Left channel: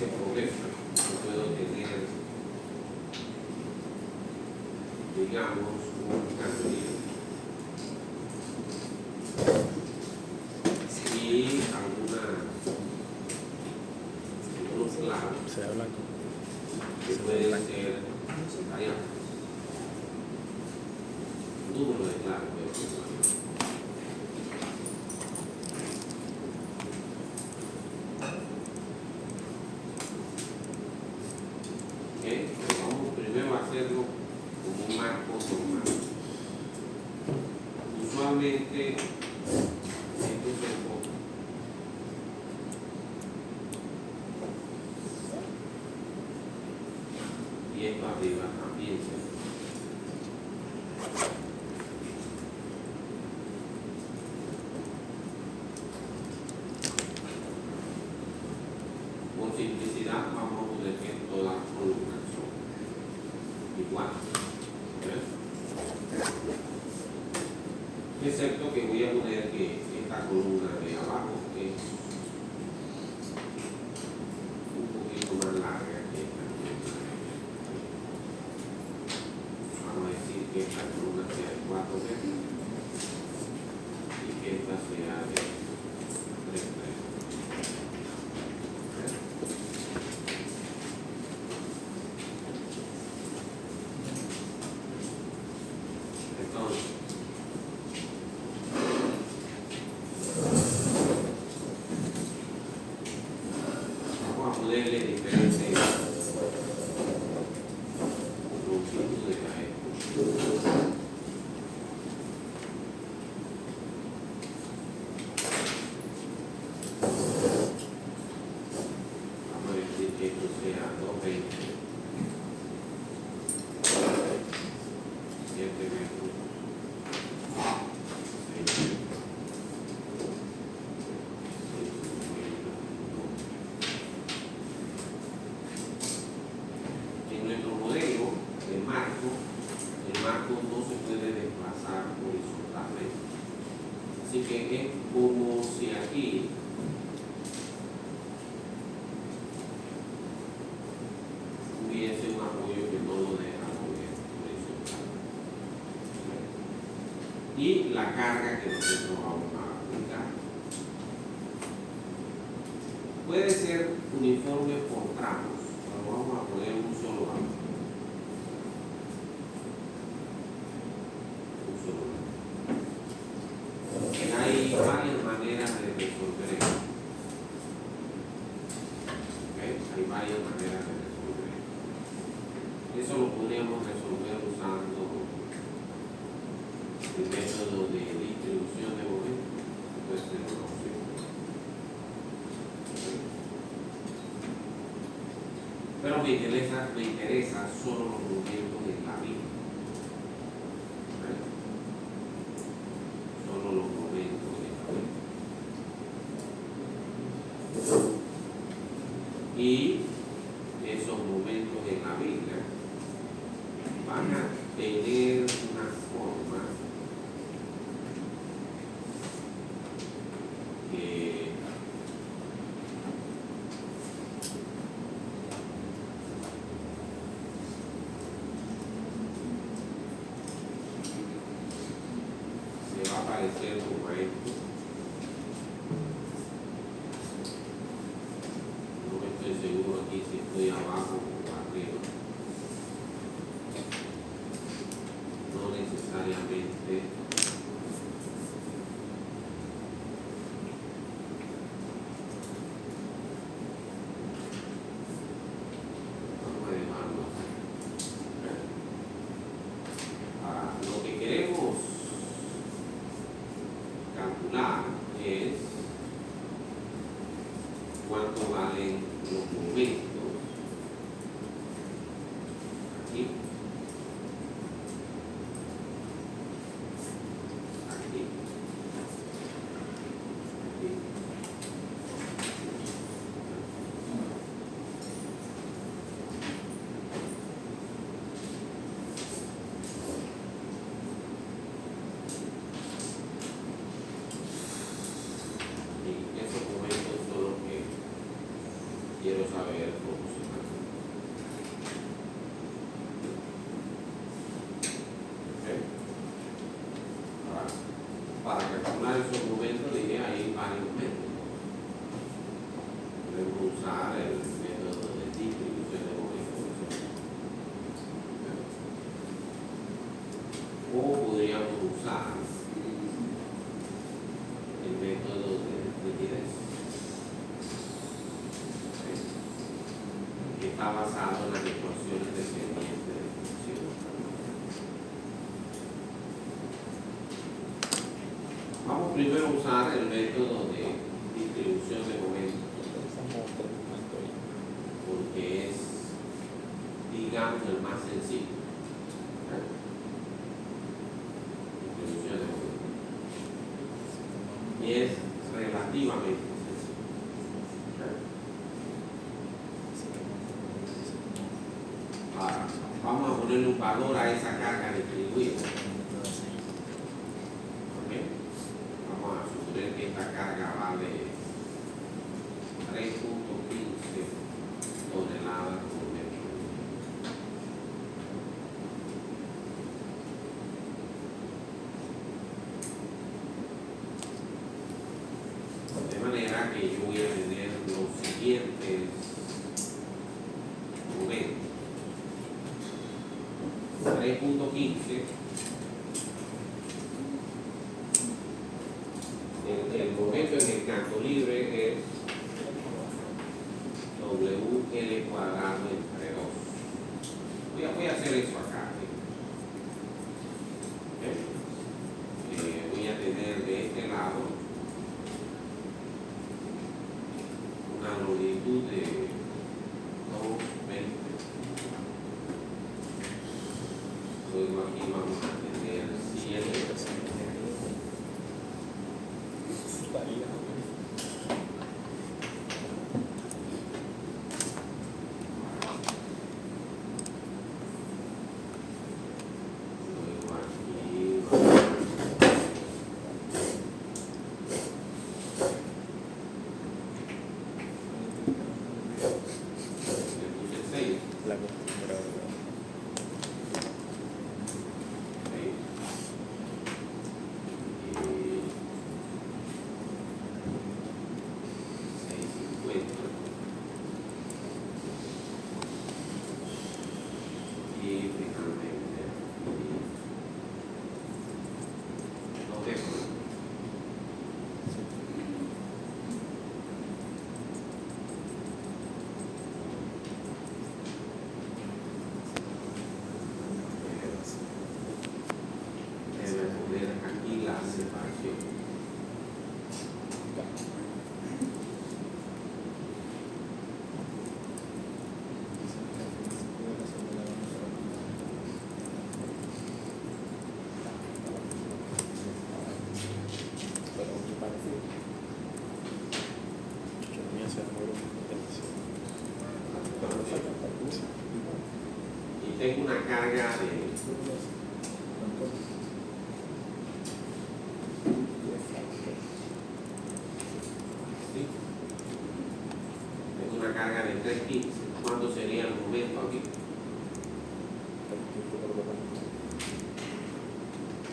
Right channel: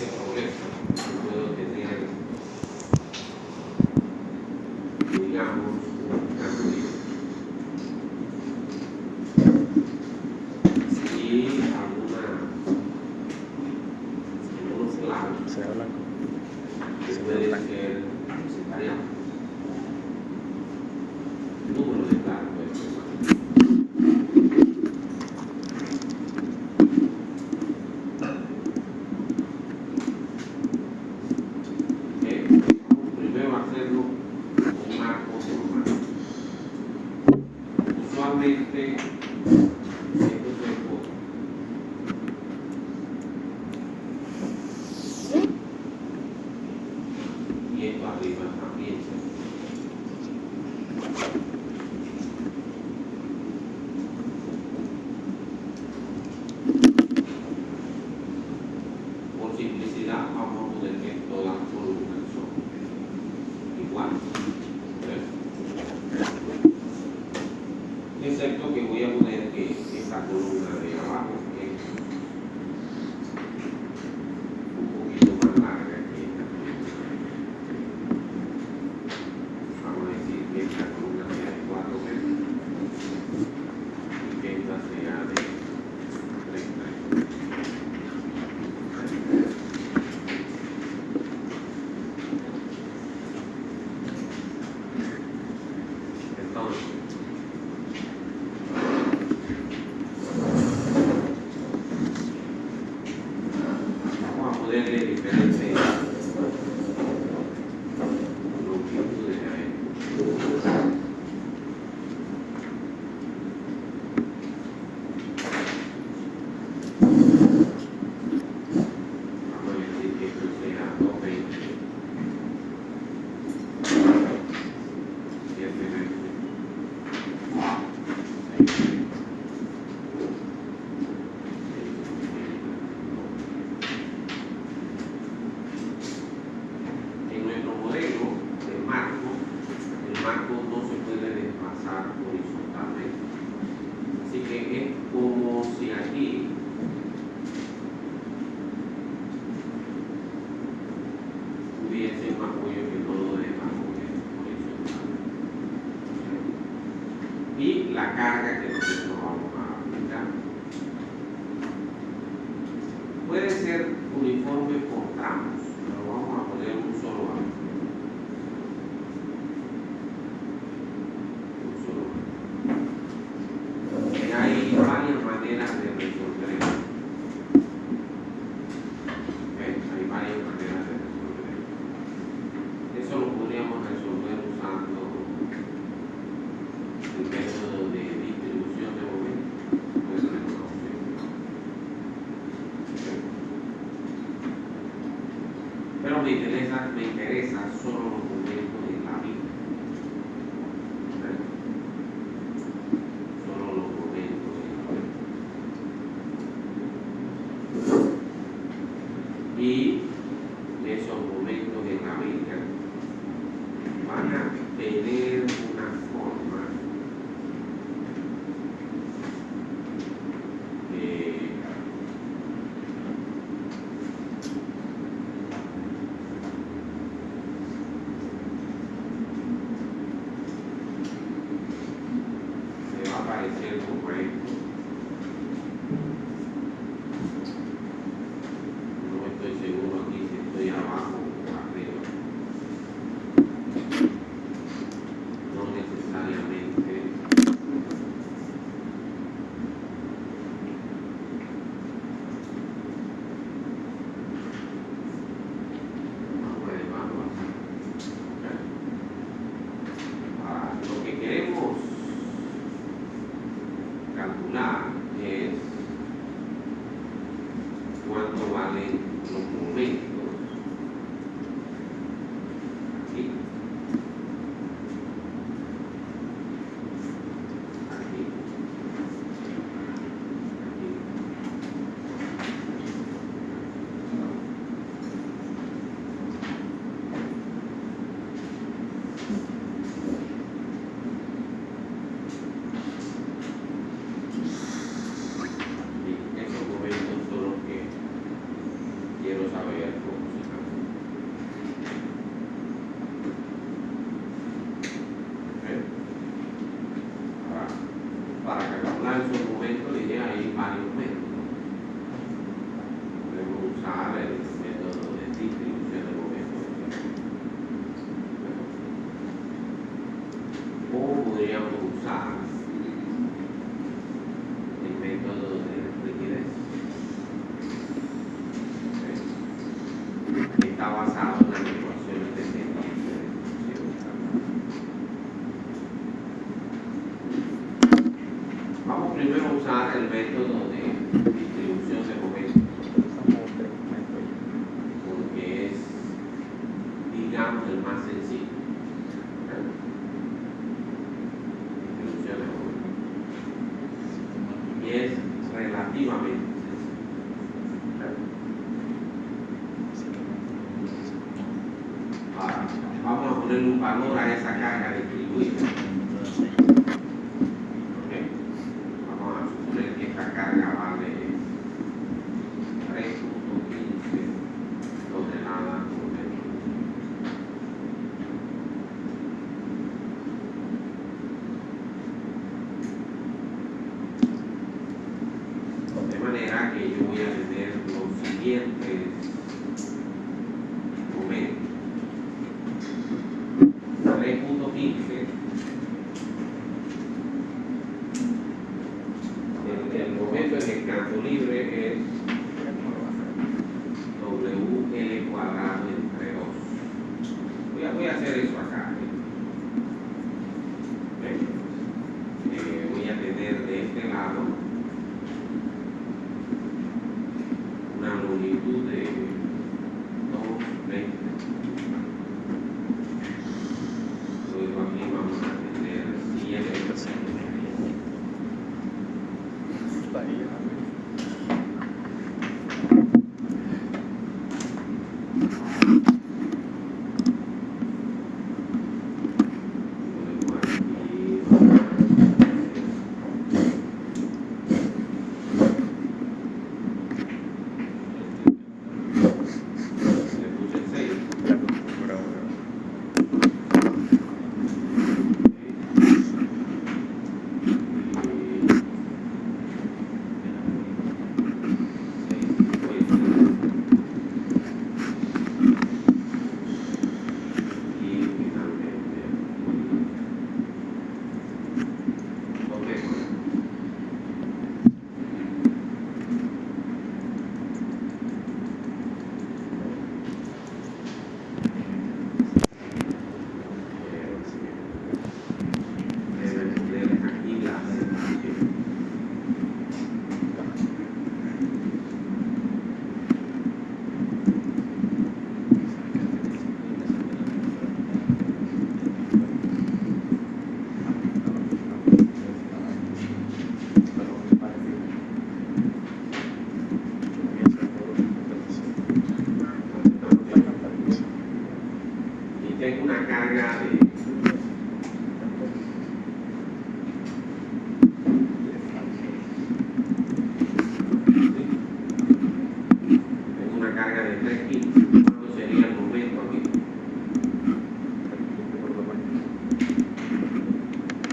ese problema. Yo puedo tener, digamos, un cambio. Y algunos lados Se habla que pueden ser secretariados. El número de claves puede ser variado. Vamos primero a hacerlo con un marco formal. Usualmente esto se pone. Y esto arriba también se pone. Por simplicidad vamos a poner que todas las columnas son iguales. Excepto que voy a poner que esta columna de abajo es un poquito más larga que esta columna. Vamos a decir que esta columna sea de 4 metros y que esta sea de 3 metros. Entonces, vamos a ponerle diferentes longitudes a esto. Vamos a decir que esto sea 220, 7 metros, 6 metros. En nuestro modelo de marco, el marco no se puede desplazar horizontalmente. Así que es como si aquí hubiese un apoyo que no lo deja mover horizontal. Y la carga que nosotros vamos a aplicar puede ser uniforme por tramos, pero vamos a poner un solo valor. Un solo valor. Y hay varias maneras de resolver esto. Hay varias maneras de resolver esto. Eso lo podríamos resolver usando el método de distribución de momentos. Puede ser una opción. Pero me interesa solo los momentos en la vida. Solo los momentos en la vida. Y esos momentos en la vida van a tener una forma que va a parecer correcto. No estoy seguro aquí si estoy abajo o arriba. No necesariamente. Vamos a dejarlo así. Lo que queremos calcular es cuánto valen los momentos aquí, aquí, aquí. Y esos momentos son los que quiero saber está basado en las ecuaciones de distribución. Vamos primero a usar el método de distribución de momentos, porque es, digamos, el más sencillo. Distribución de momentos. Y es relativamente sencillo. Vamos a ponerle un valor a esa carga distribuida. ¿Okay? Vamos a suponer que esta carga vale 3.15 toneladas por metro. De manera que yo voy a tener los siguientes momentos. 3.15, el momento en el campo libre es WL cuadrado entre 2. Voy a hacer eso acá. Voy a tener de este lado una longitud de 2,20. Luego aquí vamos a tener 7. Tengo una carga de carga de 3,15. ¿Cuánto sería el momento aquí?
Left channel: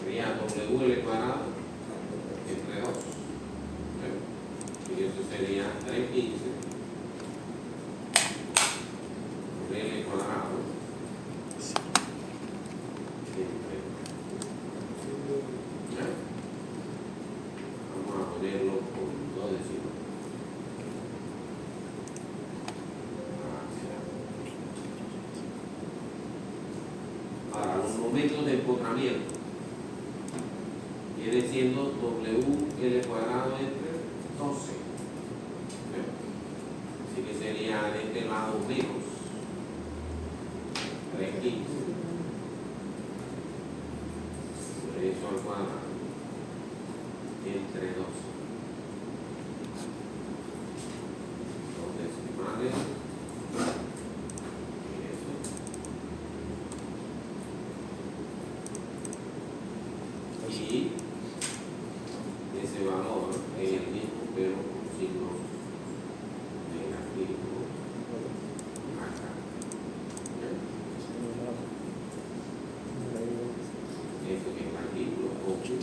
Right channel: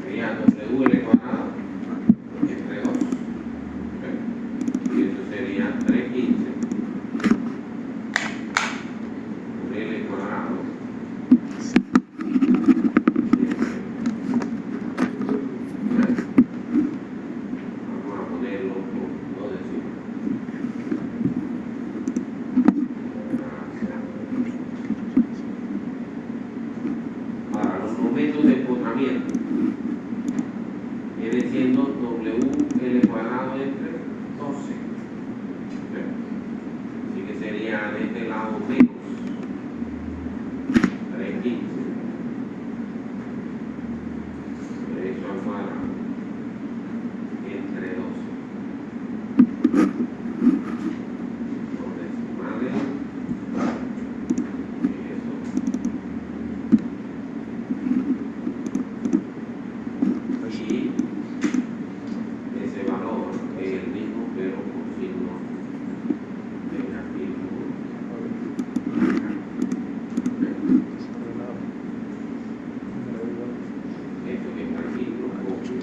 Sería WL cuadrado entre 2. Y eso sería 3,15 por L cuadrado. Vamos a ponerlo con 2 decimos. Ahora, los momentos de empotramiento viene siendo WL cuadrado entre 12. Así que sería de este lado menos 3,15. Eso al cuadrado entre 12. Dos decimales. Y ese valor es el mismo pero con signo negativo. Esto que está aquí lo copio.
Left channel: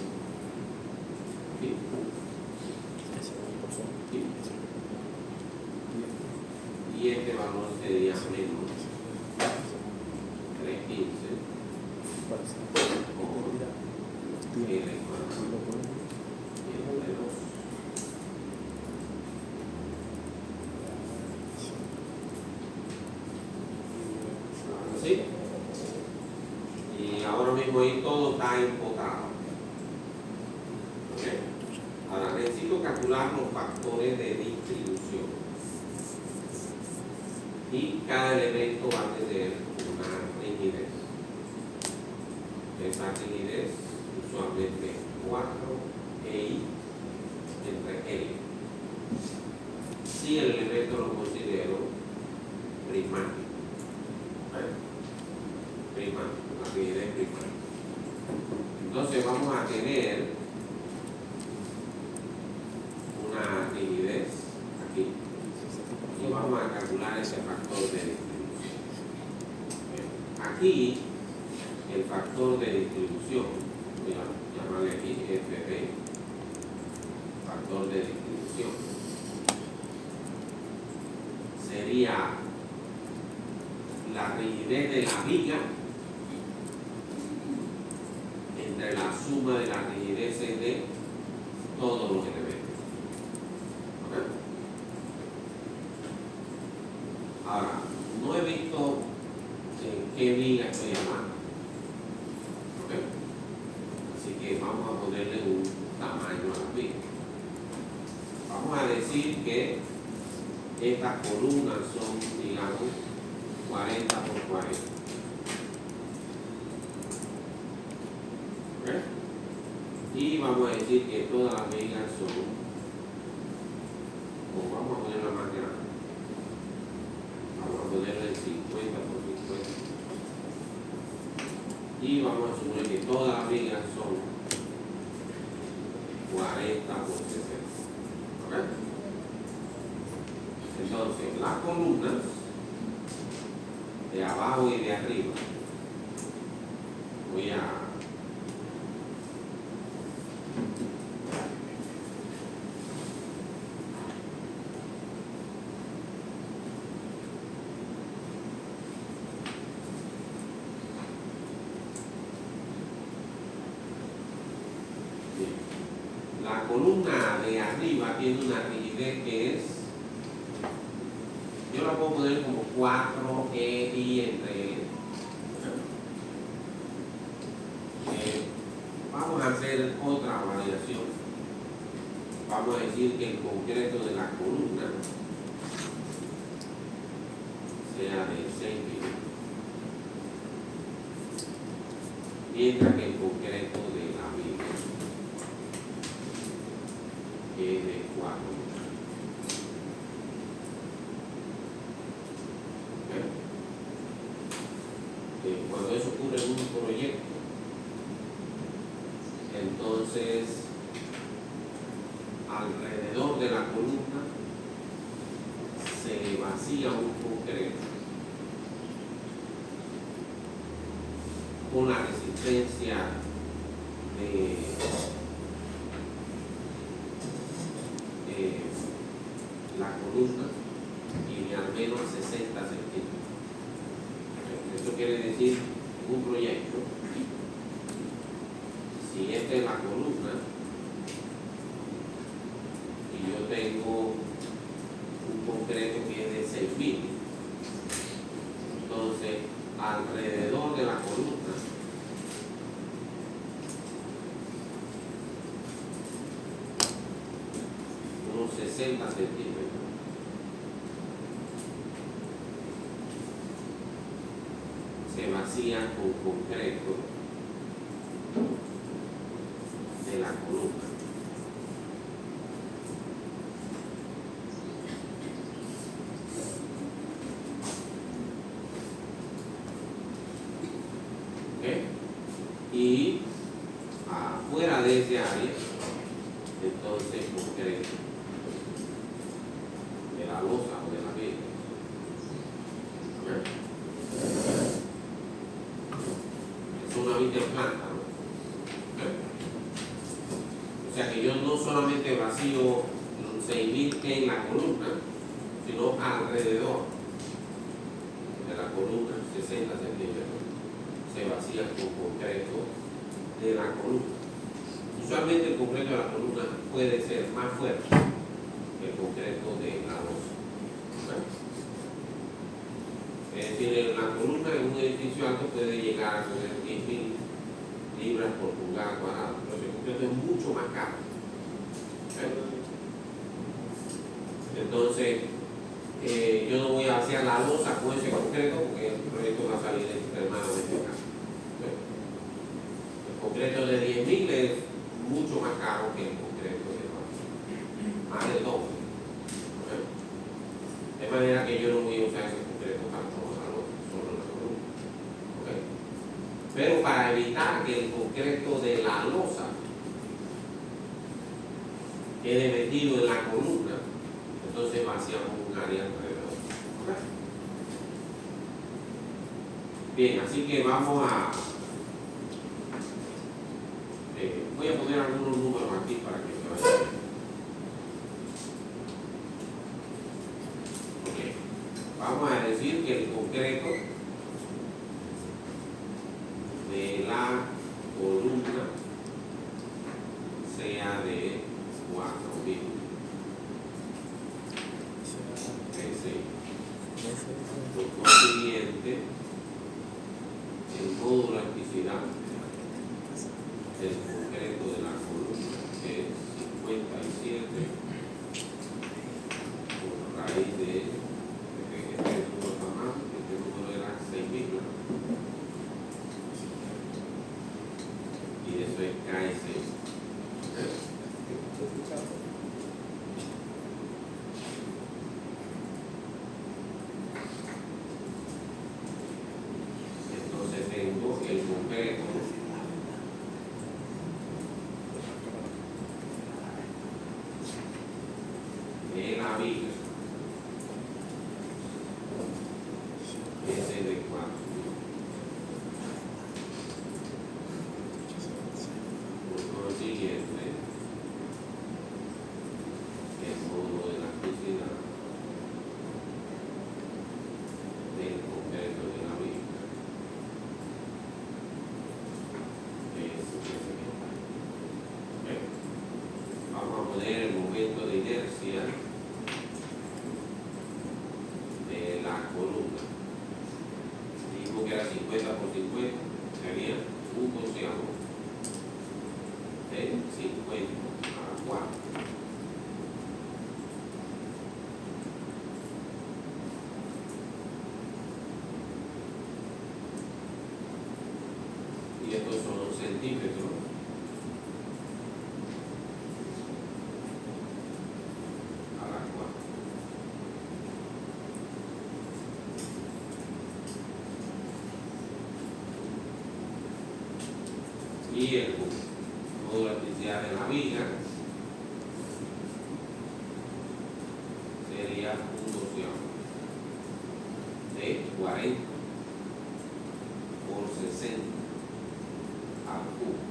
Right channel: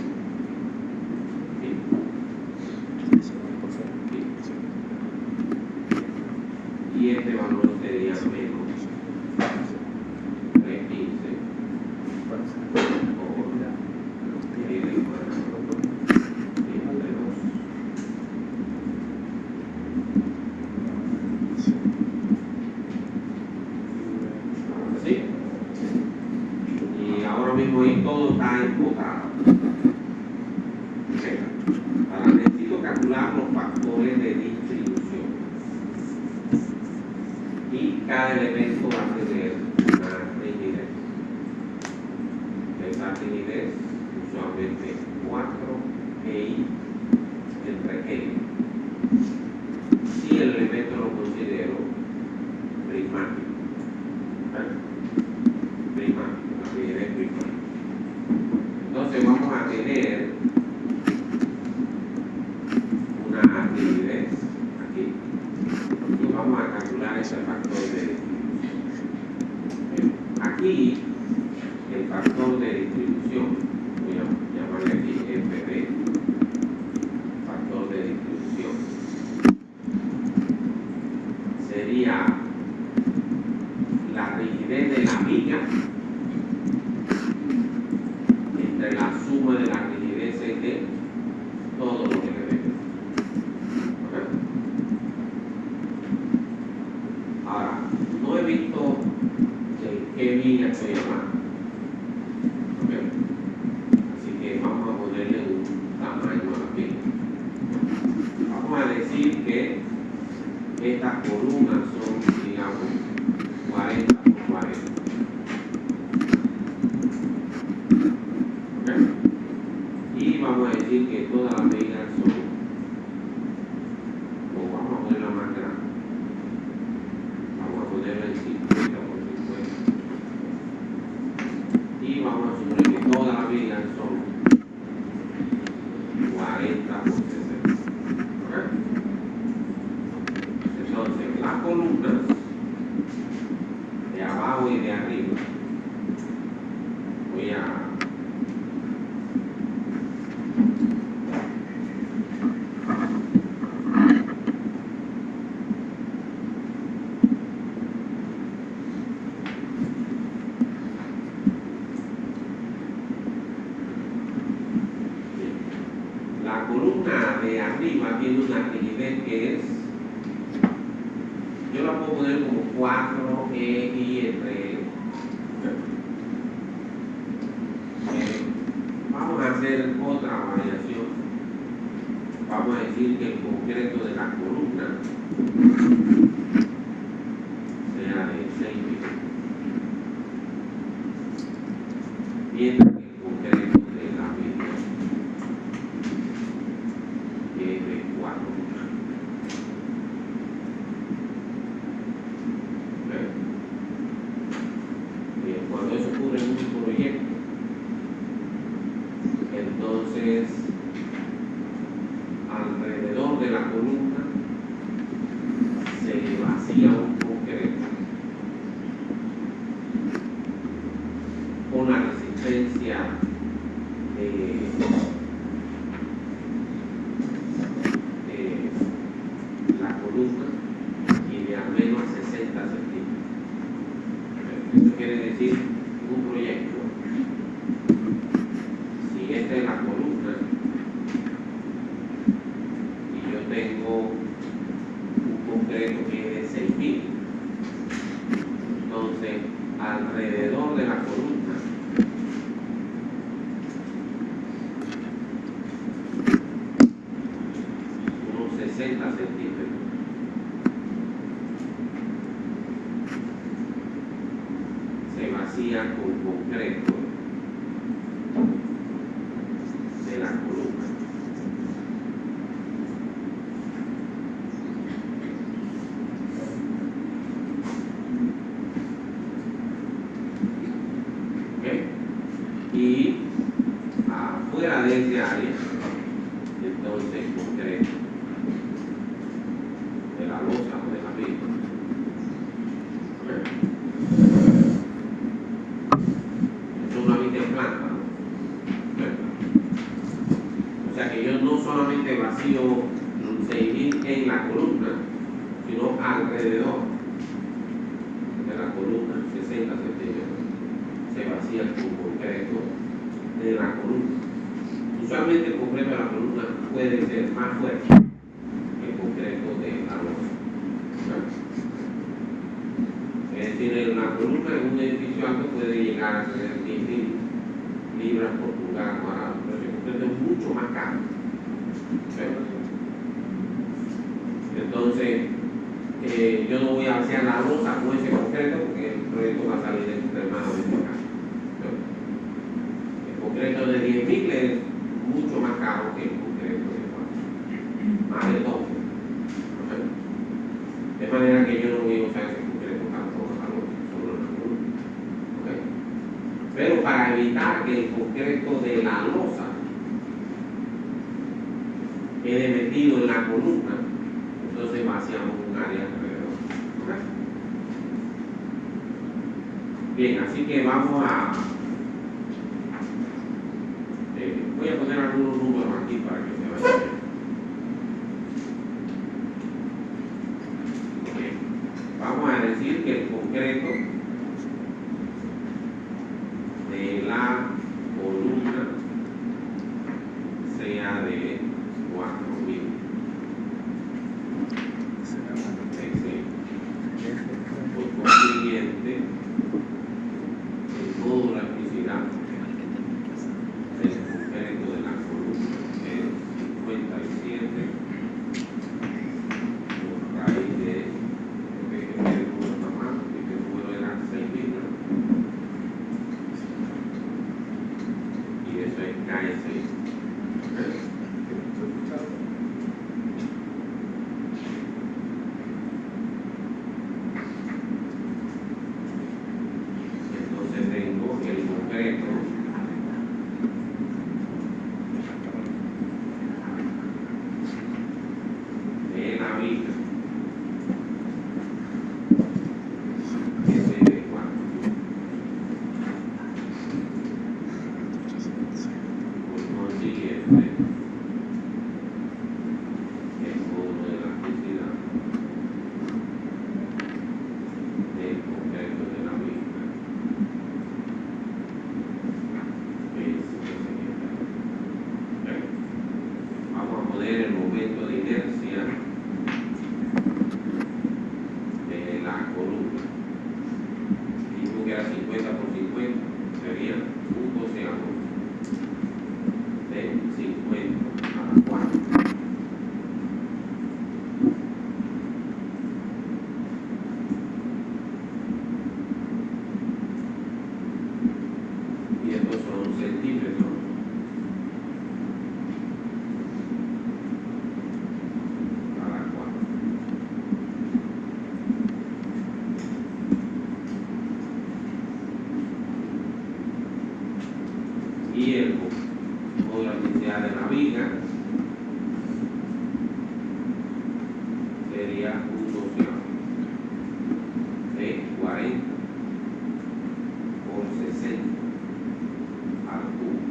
Y este valor sería menos 3,15 por cada elemento va a tener una rigidez. Esa rigidez usualmente 4EI entre E. Si el elemento lo considero prismático. Prismático, la rigidez prismática. Entonces vamos a tener una rigidez aquí. Y vamos a calcular ese factor de distribución. Aquí, el factor de distribución, voy a llamarle aquí FP, factor de distribución, sería la rigidez de la viga entre la suma de las rigideces de todos los elementos. ¿Okay? Ahora, no he visto qué viga estoy llamando. ¿Okay? Así que vamos a ponerle un tamaño a la viga. Vamos a decir que estas columnas son, digamos, 40 por 40. ¿Okay? Y vamos a decir que todas las vigas son, o vamos a ponerla más grande. Vamos a ponerla en 50 por 50. Y vamos a suponer que todas las vigas son 40 por 60. ¿Okay? Entonces, las columnas de abajo y de arriba, voy a la columna de arriba tiene una rigidez que es, yo la puedo poner como 4EI entre E. Vamos a hacer otra variación. Vamos a decir que el concreto de la columna sea de 6 milímetros, mientras que el concreto de la viga es de 4 milímetros. Cuando eso ocurre en un proyecto, entonces alrededor de la columna se vacía un concreto con la resistencia de la columna y de al menos 60 centímetros. Eso quiere decir un proyecto. Si esta es la columna y yo tengo un concreto que es de 6.000, entonces alrededor de la columna unos 60 centímetros se vacía con concreto de la columna. ¿Okay? Y afuera de ese área, entonces concreto de la losa o de la viga. ¿Okay? Es una viga en planta, ¿no? O sea que yo no solamente vacío 6.000 en la columna, sino alrededor de la columna, 60 centímetros, se vacía con concreto de la columna. Usualmente el concreto de la columna puede ser más fuerte que el concreto de la losa. Es decir, en la columna de un edificio alto puede llegar a tener 15.000 libras por pulgada cuadrada, pero el concreto es mucho más caro. Entonces, yo no voy a hacer la losa con ese concreto porque el proyecto va a salir extremadamente caro. El concreto de 10.000 es mucho más caro que el concreto de 4. Más de doble. De manera que yo no voy a usar ese concreto para solo la cruz. Pero para evitar que el concreto de la losa quede metido en la columna, entonces vaciamos un área alrededor. Bien, así que vamos a voy a poner algunos números aquí para que se vean. Vamos a decir que el concreto de la columna sea de 4.000. Por consiguiente, el todo la electricidad del concreto de la columna es 57 por raíz de el número está mal, porque el número era 6.000, y eso es K6. Entonces tengo el concreto de la viga. Ese de 4.000. Por consiguiente, el fondo de la electricidad del concreto de la viga es el siguiente. Vamos a poner el momento de inercia de la columna. Dijimos que era 50 por 50, sería un doceavo de 50 a la 4. Y estos son centímetros a la 4. Y el toda la electricidad de la viga sería un doceavo de 40 por 60 al cubo.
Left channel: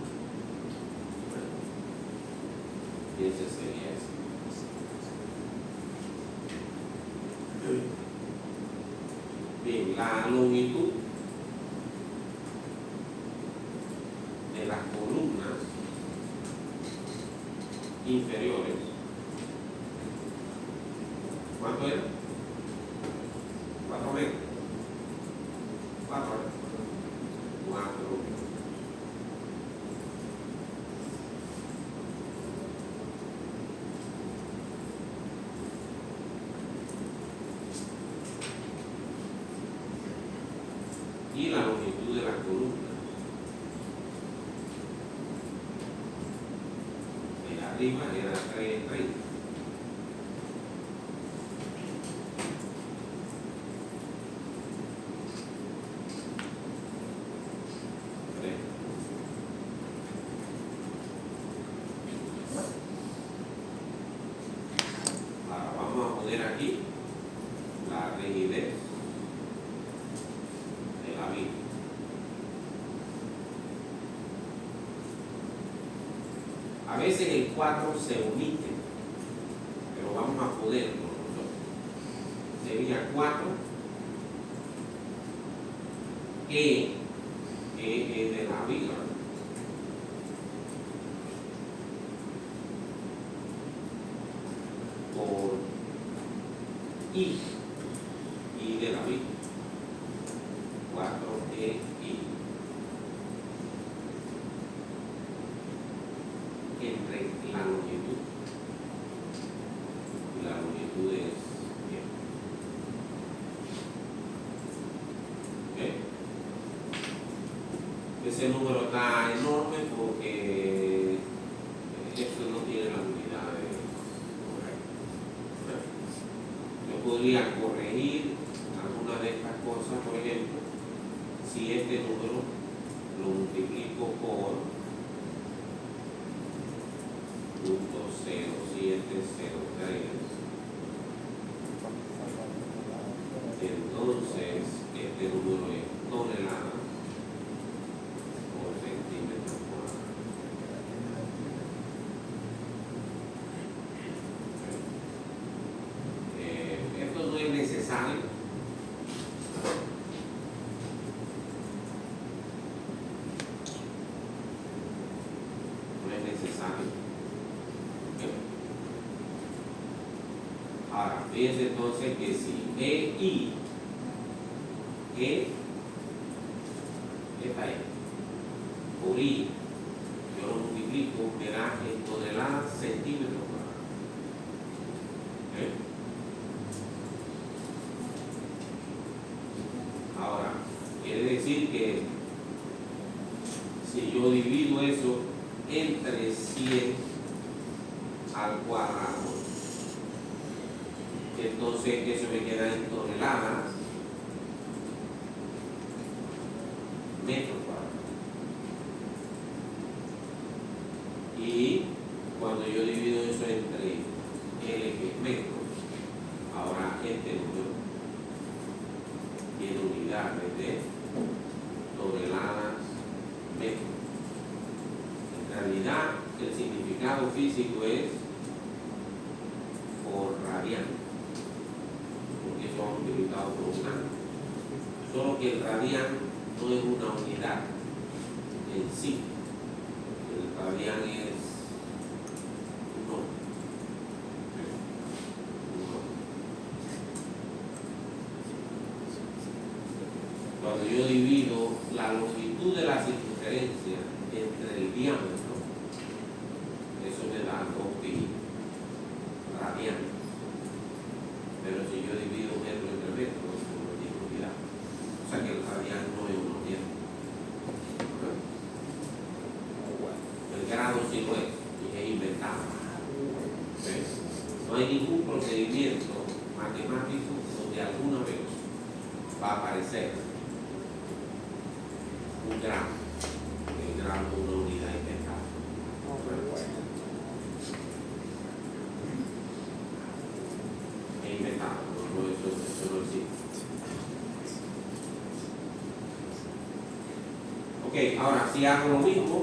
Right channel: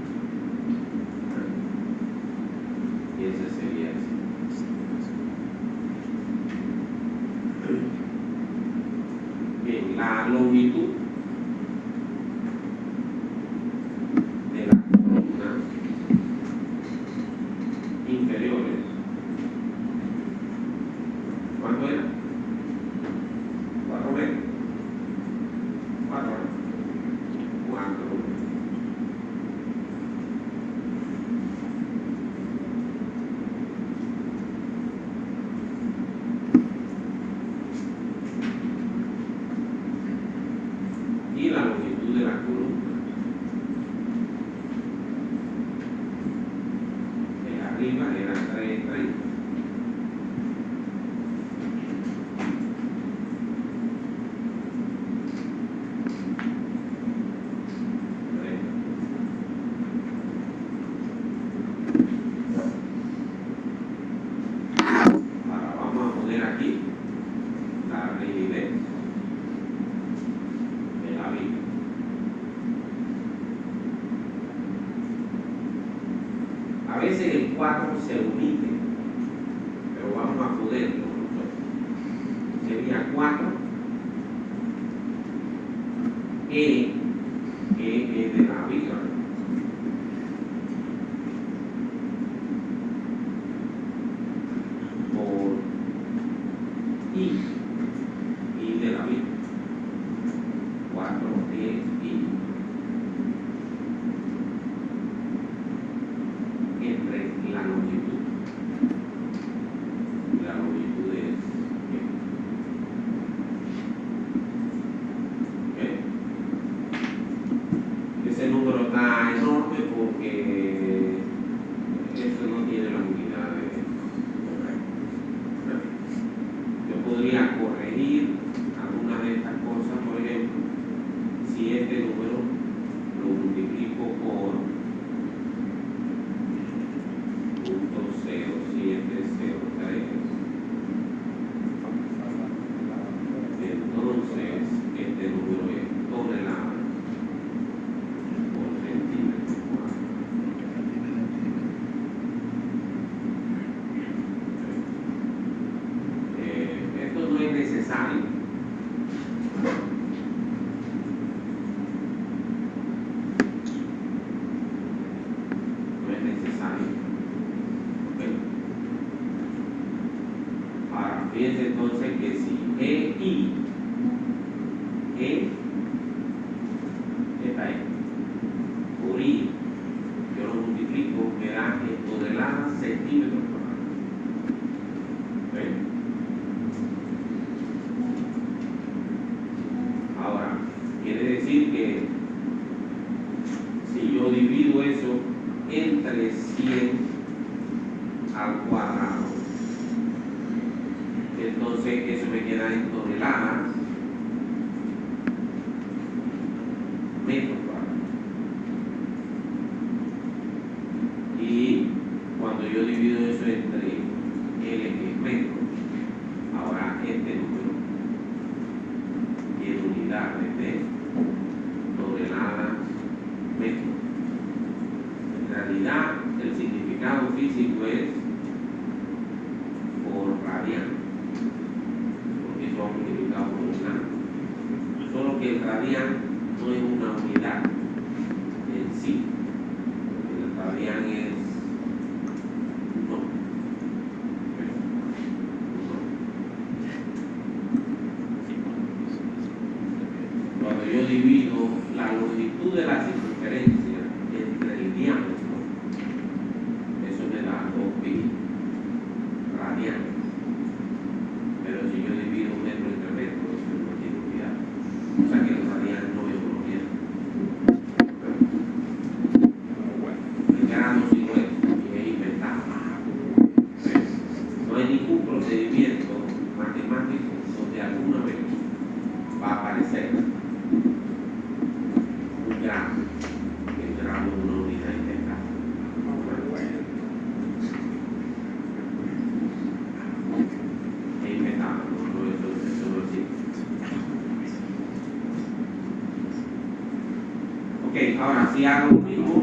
Y ese sería ese. Bien, la longitud de las columnas inferiores, ¿cuánto era? 4 metros. 4 y la longitud de la columna de arriba era 3.30. Ahora vamos a poner aquí la rigidez de la viga. A veces el 4 se omite, pero vamos a ponerlo nosotros. Sería 4 E de la viga. Por I de la viga. 4E I. Entre la longitud. La longitud es podría corregir alguna de estas cosas. Por ejemplo, si este número lo multiplico por 0.0703, entonces este número es toneladas por centímetro cuadrado. Esto no es necesario. No es necesario. Ahora, fíjense entonces que si esta es por I, yo lo multiplico, me da en toneladas centímetros cuadrados. Ahora, quiere decir que si yo divido eso entre 100 al cuadrado, entonces eso me queda en toneladas metros cuadrados. Y cuando yo divido eso entre L, que es metro, ahora este número tiene unidades de toneladas metros. En realidad, el significado físico es por radian, porque son multiplicados por un grado. Solo que el radian no es una unidad en sí. El radian es un nombre. Cuando yo divido la longitud de la circunferencia entre el diámetro, eso me da 2pi radianes. Pero si yo divido metro entre metro, eso no tiene unidad. O sea que el radian no es una unidad. El grado sí lo es, y es inventado. No hay ningún procedimiento matemático donde alguna vez va a aparecer un grado, el grado es una unidad inventada. Es inventado, eso no existe. Ok, ahora si hago lo mismo,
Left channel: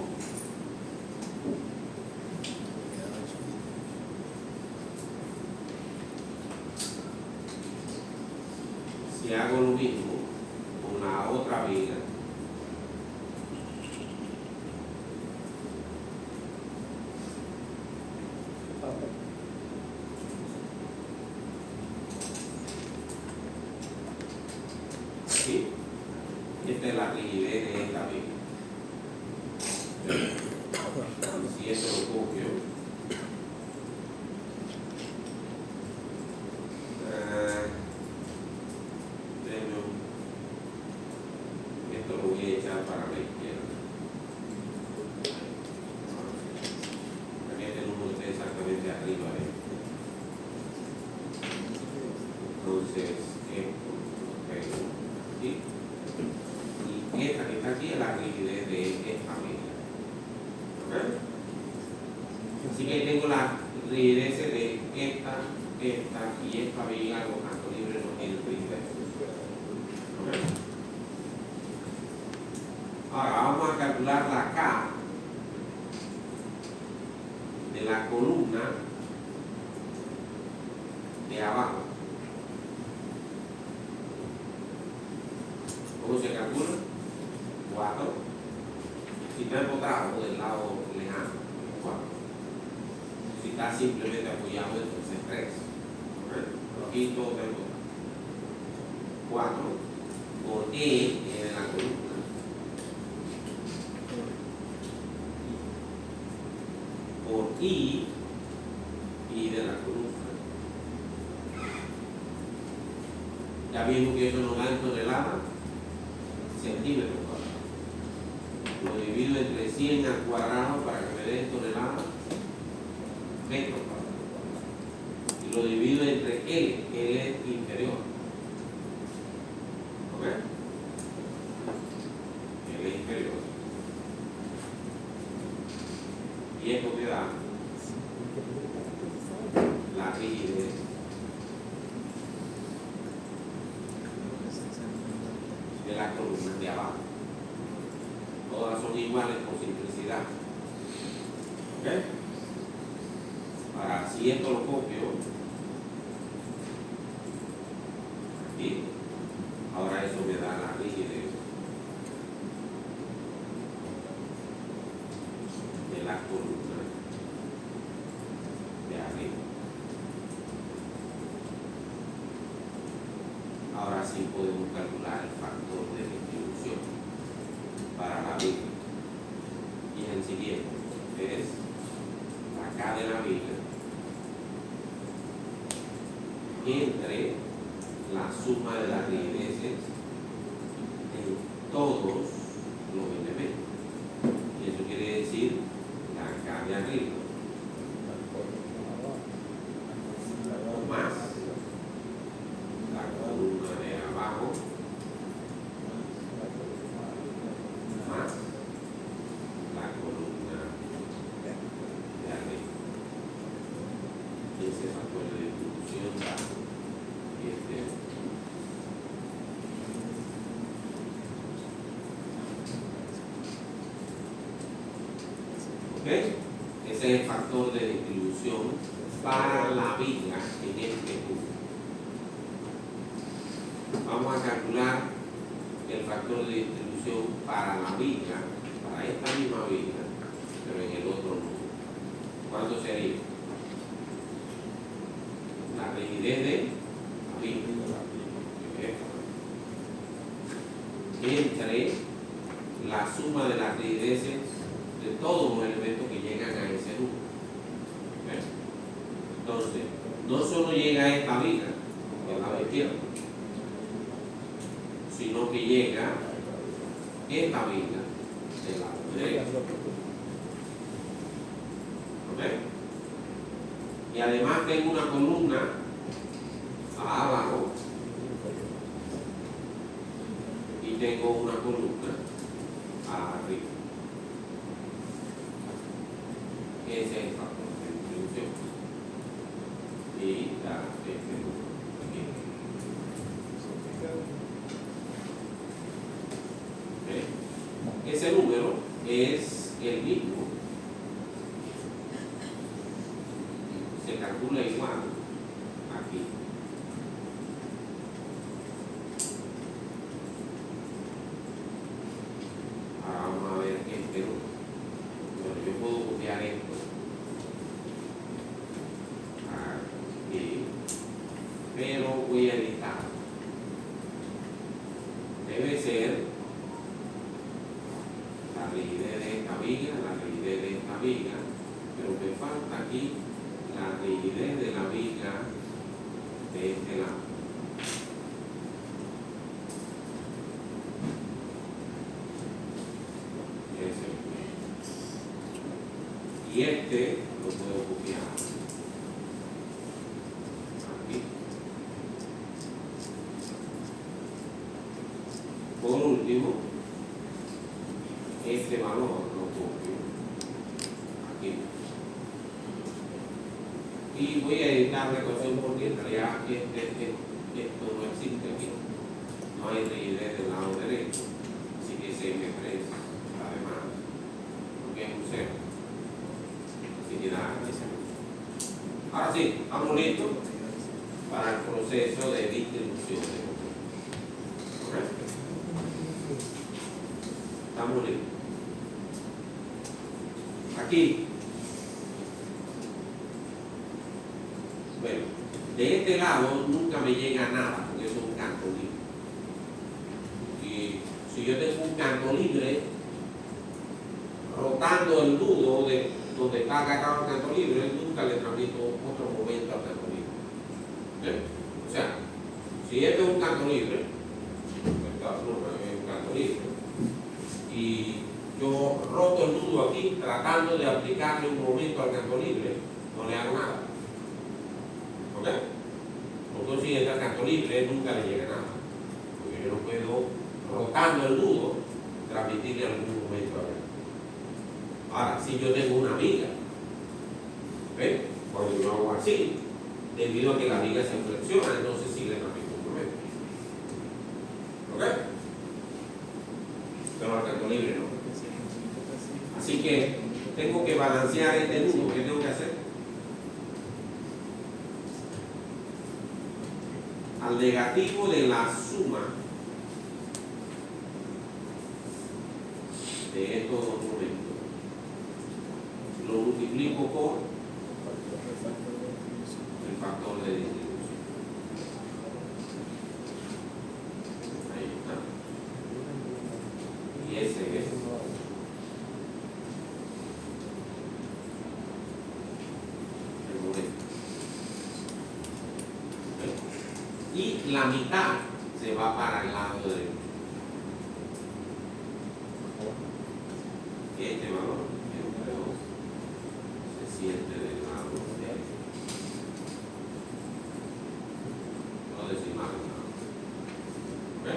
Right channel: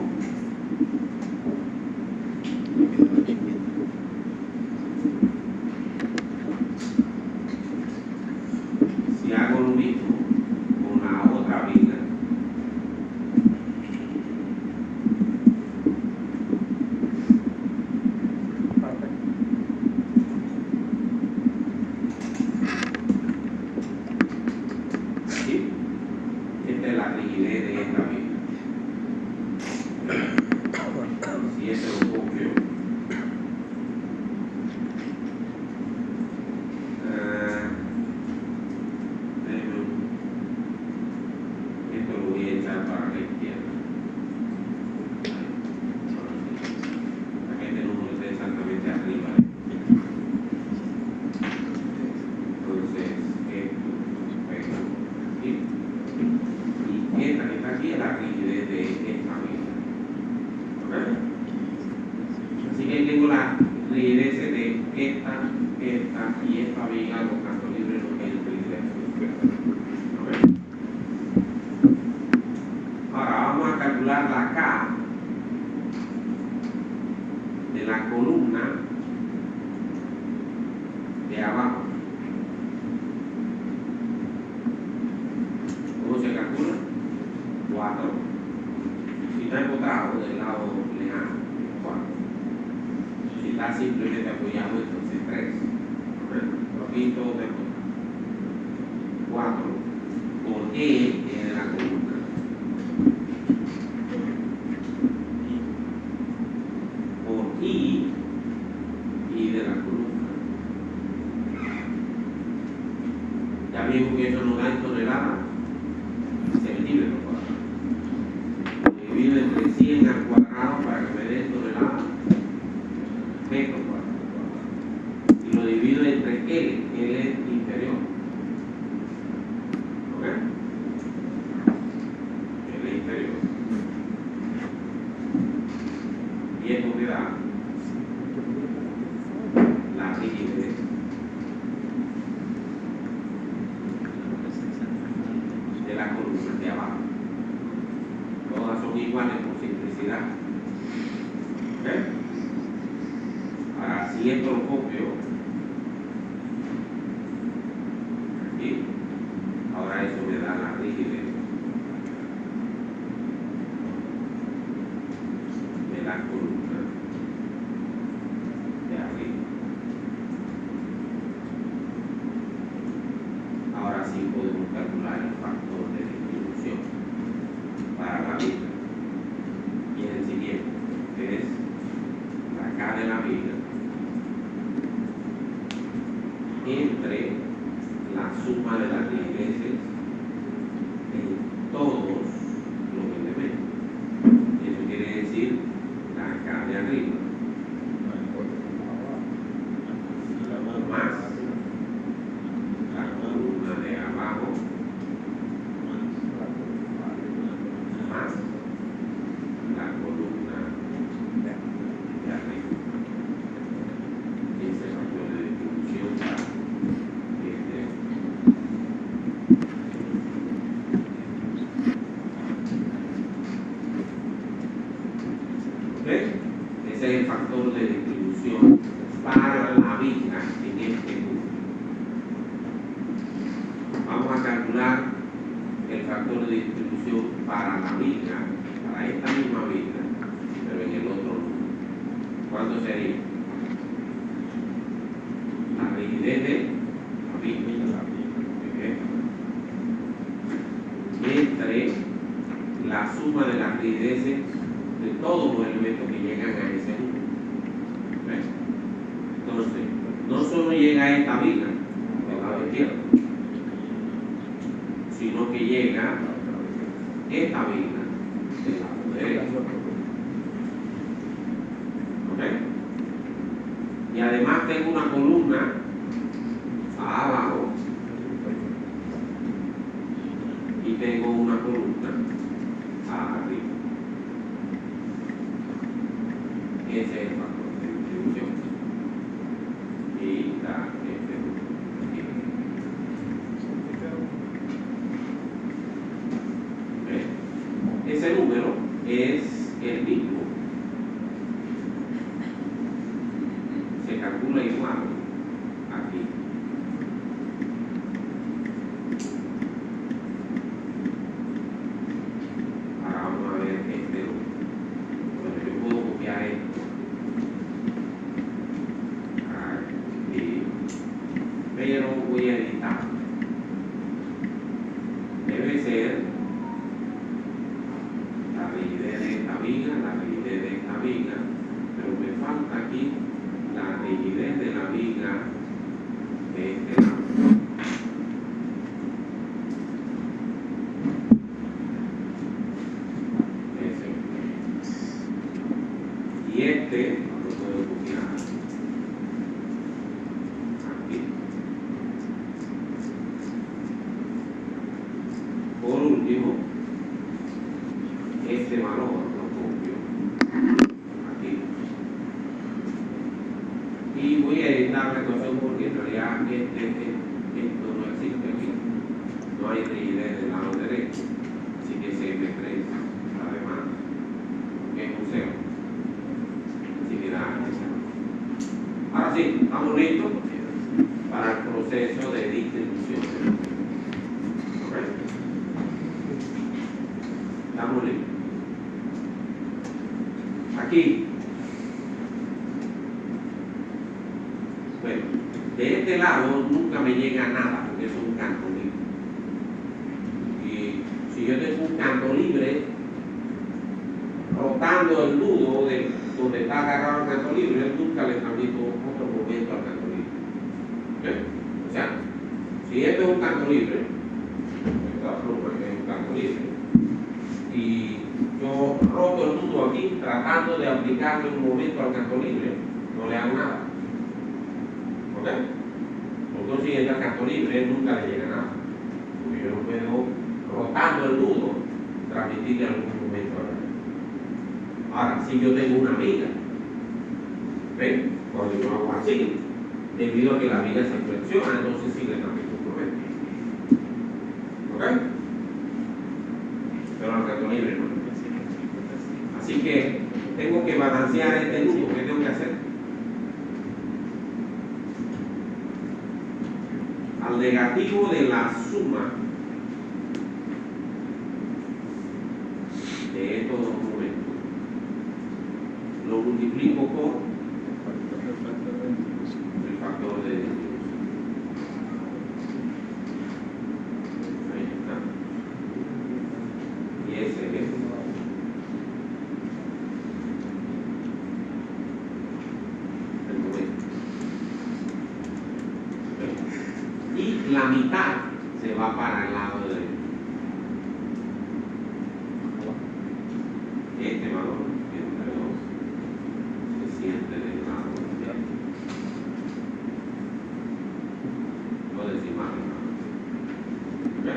con la otra viga, ¿sí? Esta es la rigidez de esta viga. Si esto lo copio, esto lo voy a echar para la izquierda. Para que este número esté exactamente arriba. Entonces, esto pega aquí. Y esta que está aquí es la rigidez de esta viga. Así que tengo la rigidez de esta y esta viga, los cantos libres no tienen rigidez. Ahora vamos a calcular la K de la columna de abajo. ¿Cómo se calcula? 4. Si está embotado del lado lejano, 4. Si está simplemente apoyado, entonces 3. Aquí todo te 4 por E en la columna. Por I de la columna. Ya vimos que eso nos da en toneladas, centímetros cuadrados. Lo divido entre 100 al cuadrado para que me dé toneladas, metros cuadrados. Y lo divido entre L es las columnas de abajo. Todas son iguales por simplicidad. ¿Ok? Ahora, si esto lo copio aquí, ahora eso me da la rigidez de la columna de arriba. Ahora sí podemos calcular el factor de distribución para la viga. Y el siguiente es la K de la viga entre la suma de las rigideces en todos los elementos. Y eso quiere decir la K de arriba más la columna de abajo más la columna de arriba. Y ese factor de distribución da este. ¿Ok? Ese es el factor de distribución para la viga en este punto. Vamos a calcular el factor de distribución para la viga, para esta misma viga, pero en el otro número. ¿Cuánto sería? La rigidez de la viga. Entre la suma de las rigideces de todos los elementos que llegan a ese número. ¿Ves? Entonces, no solo llega a esta viga del lado izquierdo, sino que llega esta viga del lado derecho. ¿Ok? Y además tengo una columna abajo y tengo una columna arriba. Ese es el factor de distribución. Y da este número aquí. ¿Okay? Ese número es el mismo. Se calcula igual aquí. Ahora vamos a ver este número. Bueno, yo puedo copiar esto aquí, pero voy a editar. Debe ser la rigidez de esta viga, la rigidez de esta viga, pero me falta aquí la rigidez de la viga de este lado. Y este lo puedo copiar aquí. Por último, este valor lo copio aquí. Y voy a editar la ecuación porque en realidad esto no existe aquí. No hay rigidez del lado derecho. Así que CM3 está de más. Porque es un cero. Así que da esa. Ahora sí, estamos listos para el proceso de distribución. ¿Correcto? Estamos listos. Aquí. Bueno, de este lado nunca me llega nada porque eso es un campo libre. Y si yo tengo un campo libre, rotando el nudo de donde está agarrado el campo libre, nunca le transmito otro momento al campo libre. ¿Okay? O sea, si esto es un campo libre, esta pluma es un campo libre, y yo roto el nudo aquí tratando de aplicarle un momento al campo libre, no le hago nada. ¿Ok? Porque si entra al campo libre, nunca le llega nada. Porque yo no puedo, rotando el nudo, transmitirle algún momento a él. Ahora, si yo tengo una viga, ¿ven? Cuando yo hago así, debido a que la viga se flexiona, entonces sí le transmito un momento. ¿Ok? balancear este nudo, ¿qué tengo que hacer? Al negativo de la suma de estos dos momentos lo multiplico por el factor de distribución. Ahí está. Y ese es el momento. Y la mitad se va para el lado derecho. Este valor entre 2 se siente del lado derecho. No decimales, ¿no? ¿Ok?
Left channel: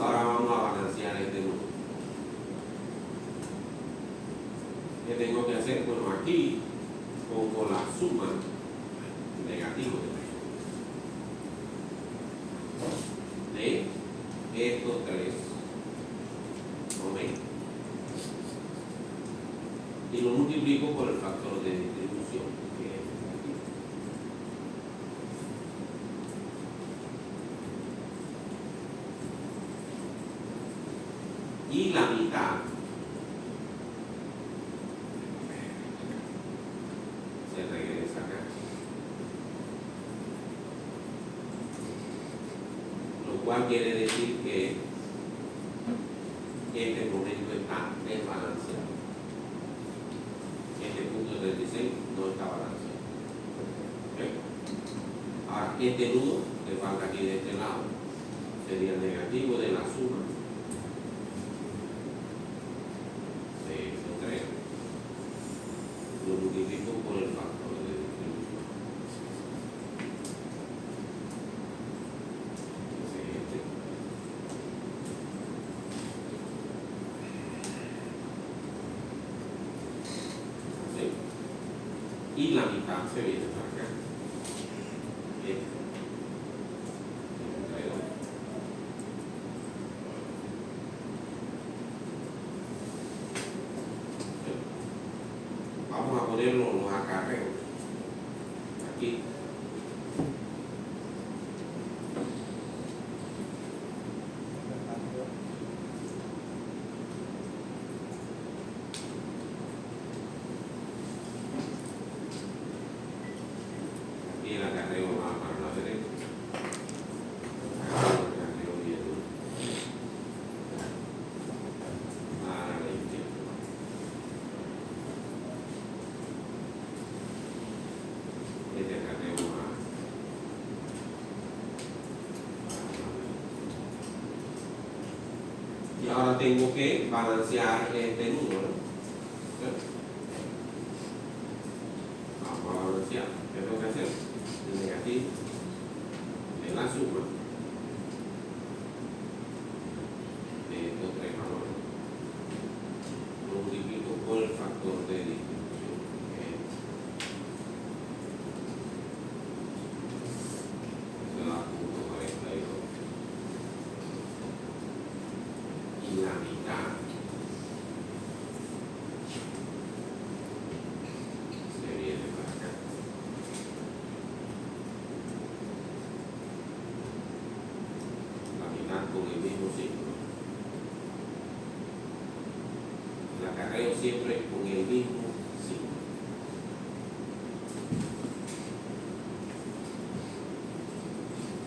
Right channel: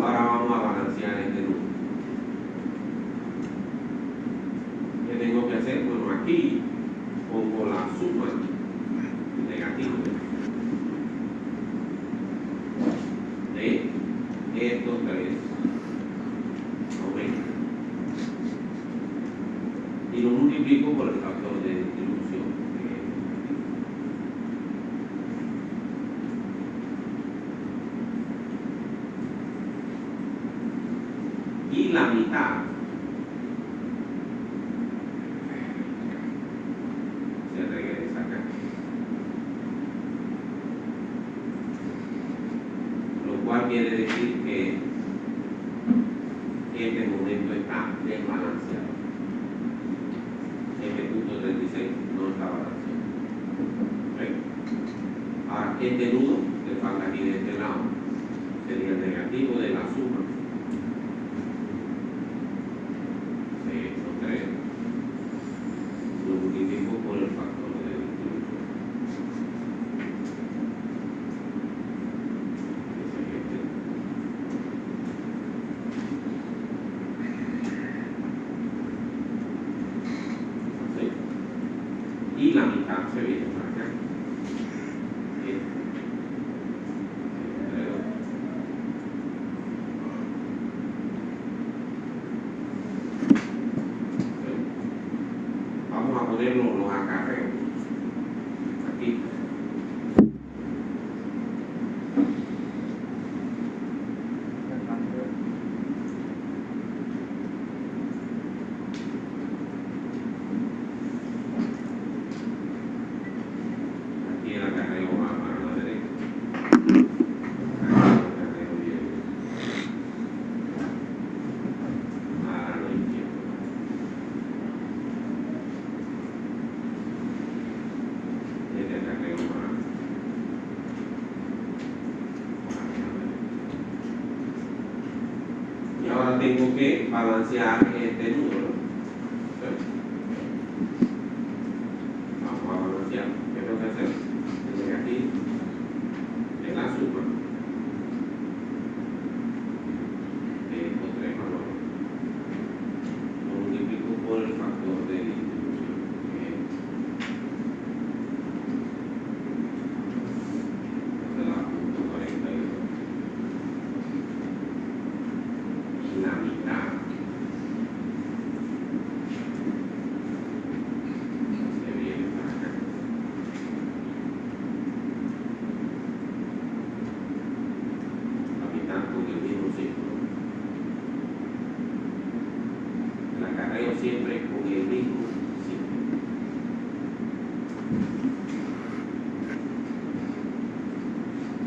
Ahora vamos a balancear este número. ¿Qué tengo que hacer? Bueno, aquí pongo la suma negativa de estos tres aumentos y lo multiplico por el factor de distribución que es aquí. Y la mitad se regresa acá, lo cual quiere decir que este momento está desbalanceado. Este punto 36 no está balanceado. ¿Ok? Ahora, este nudo que falta aquí de este lado sería el negativo de la suma de estos tres. Lo multiplico por el factor de distribución. Ese es este. Y la mitad se viene para acá. Bien. Vamos a ponerlo los acarreos aquí. Aquí el acarreo va para la derecha. Aquí el acarreo viene para la izquierda. Este acarreo va para la derecha. Y ahora tengo que balancear este número. ¿Ok? Vamos a balancear. ¿Qué tengo que hacer? El negativo en la suma de estos tres valores. Lo multiplico por el factor de distribución. Esa es la punto 42. Y la mitad se viene para acá. La mitad con el mismo ciclo. El acarreo siempre con el mismo ciclo.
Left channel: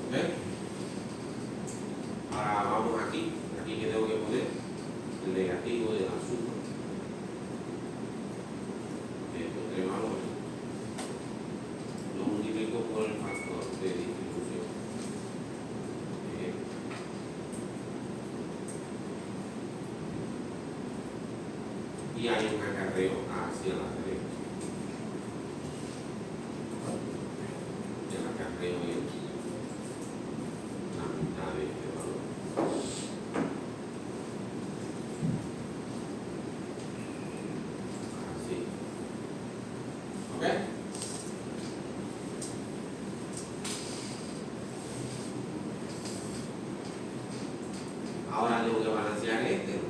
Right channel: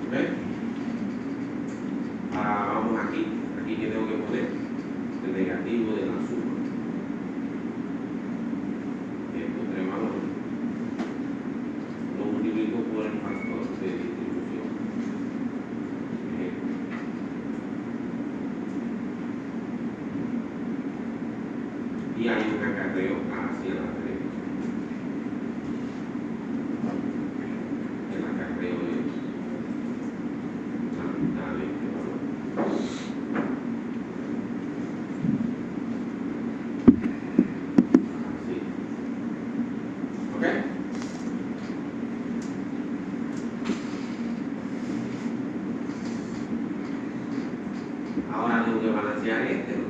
¿Ok? Ahora vamos aquí. Aquí que tengo que poner el negativo de la suma de estos tres valores. Lo multiplico por el factor de distribución. Y hay un acarreo hacia la derecha. El acarreo es la mitad de este valor. Así. ¿Ok? Ahora tengo que balancear este, ¿no?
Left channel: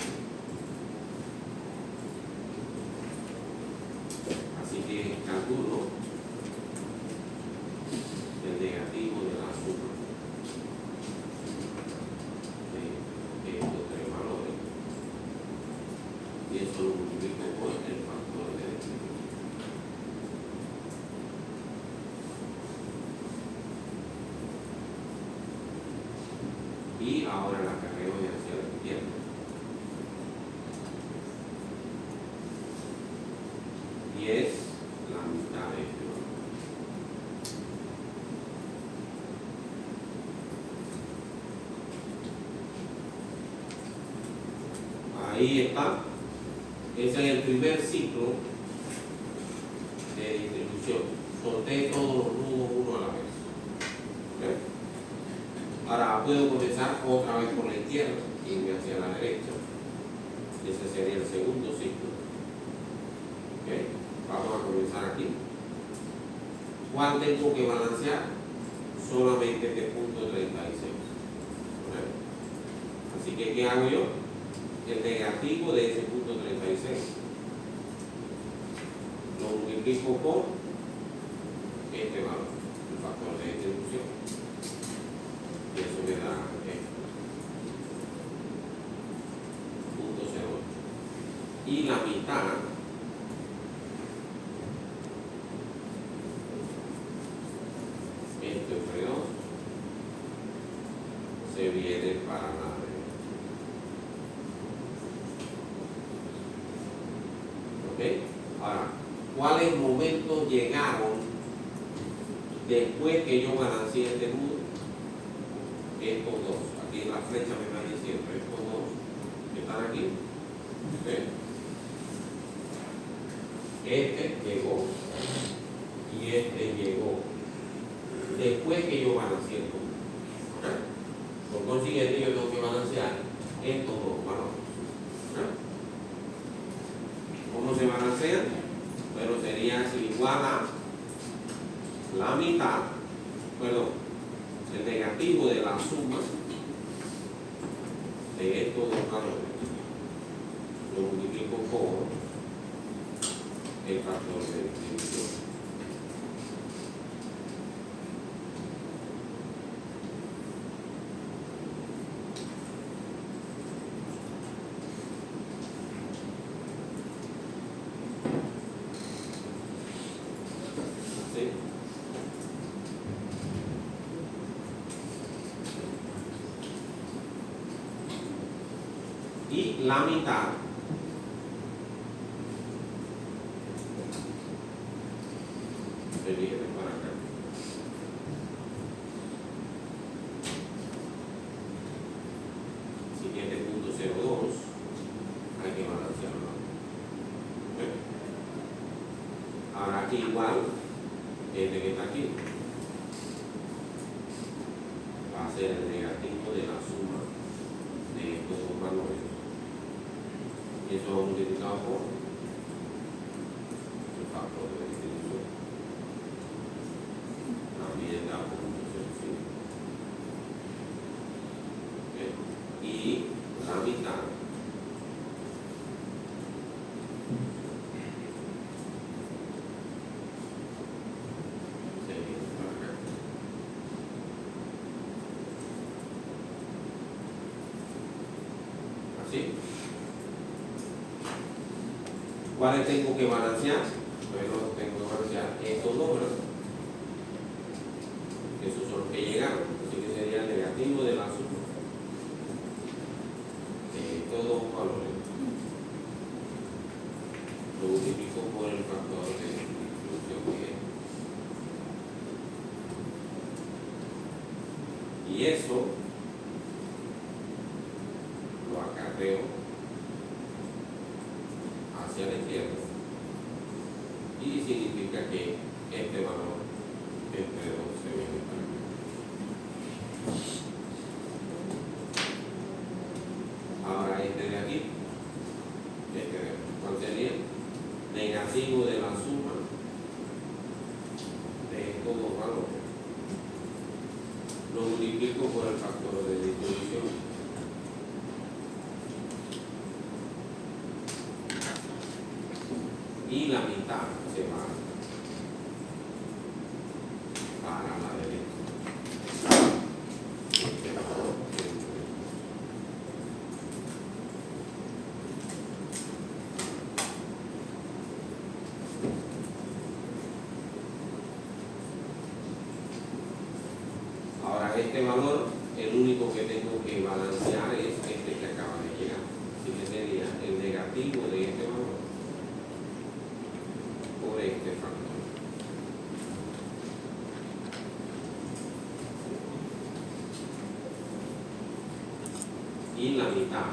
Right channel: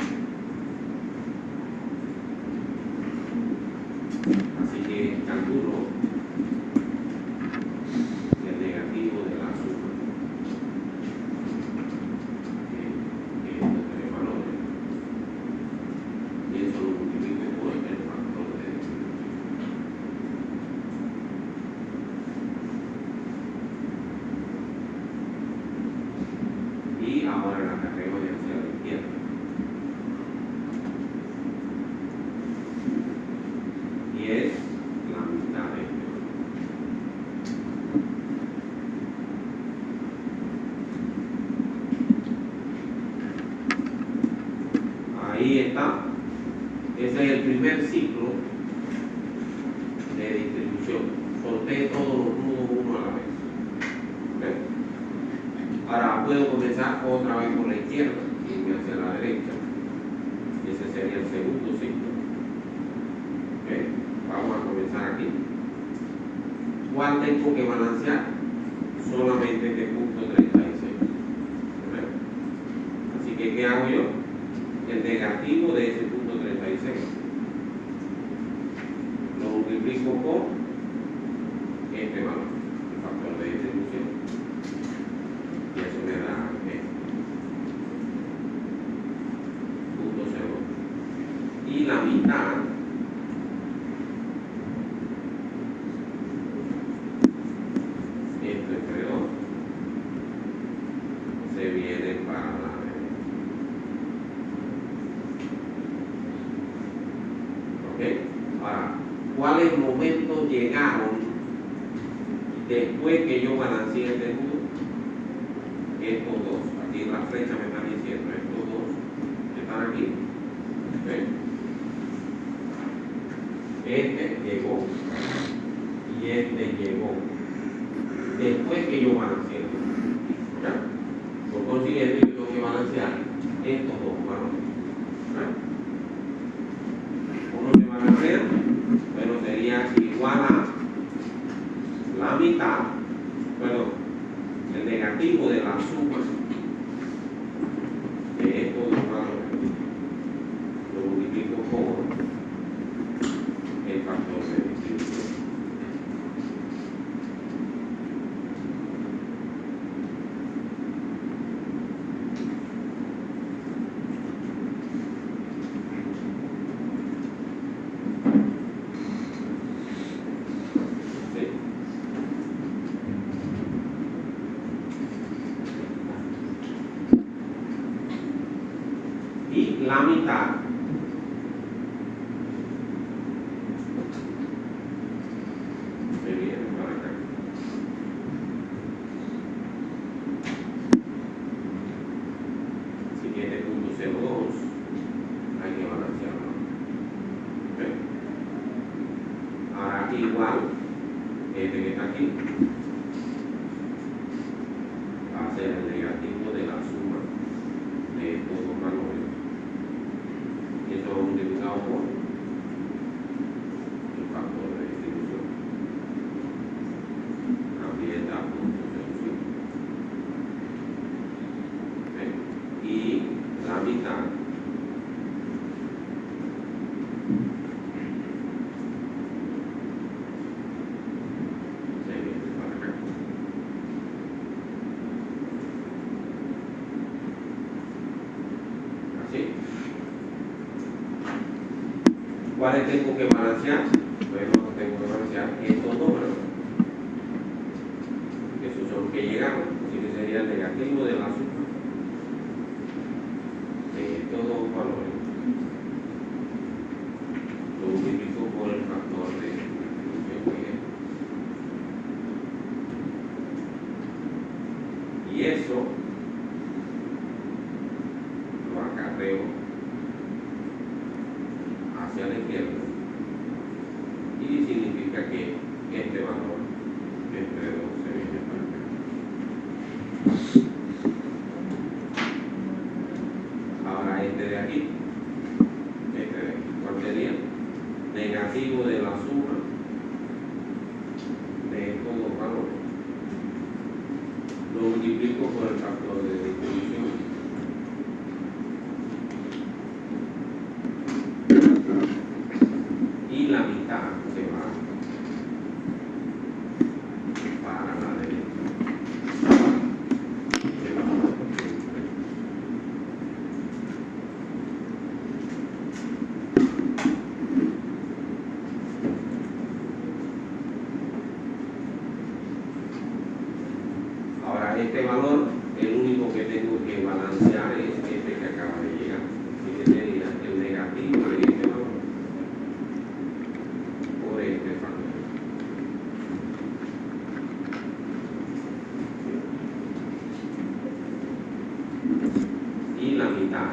ahora el acarreo es hacia la izquierda. Y es la mitad de esto. Ahí está. Ese es el primer ciclo de distribución. Solté todos los nudos uno a la vez. ¿Ven? Ahora puedo comenzar otra vez por la izquierda, irme hacia la derecha. Ese sería el segundo ciclo. ¿Okay? Vamos a comenzar aquí. ¿Cuál tengo que balancear? Solamente este punto 36. ¿Okay? Así que, ¿qué hago yo? El negativo de ese punto 36 lo multiplico por este valor, el factor de distribución, y eso me da punto 0. Y la mitad esto entre 2 se viene para la Ahora, ¿cuáles momentos llegaron después que yo balanceé este nudo? Estos dos. Aquí en la flecha me están diciendo estos dos que están aquí. ¿Okay? Este llegó y este llegó después que yo balanceé. ¿Ya? Por consiguiente, yo tengo que balancear estos dos valores. Uno se balancea, pero sería igual a la mitad, perdón, el negativo de la suma de estos dos valores. Lo multiplico por el factor de distribución. Y la mitad se viene para acá. Así que este punto 0,2 hay que balancearlo. ¿Okay? Ahora aquí igual, este que está aquí va a ser el negativo de la suma de estos dos valores. Y eso va multiplicado por el factor de distribución. También da punto 0,5. ¿Okay? Y la mitad se viene para acá. Así. ¿Cuáles tengo que balancear? Bueno, tengo que balancear estos dos, ¿verdad? Esos son los que llegaron, así que sería el negativo de la suma de estos dos valores. Lo multiplico por el factor de distribución que es. Y eso lo acarreo hacia la izquierda y significa que este valor entre 2 se viene para acá. Ahora este de aquí, ¿cuál sería? Negativo de la suma de estos dos valores. Lo multiplico por el factor de distribución. Y la mitad se va para la derecha. Ahora este valor el único que tengo que balancear es este que acaba de llegar. Así que sería el negativo de este valor por este factor. Y la mitad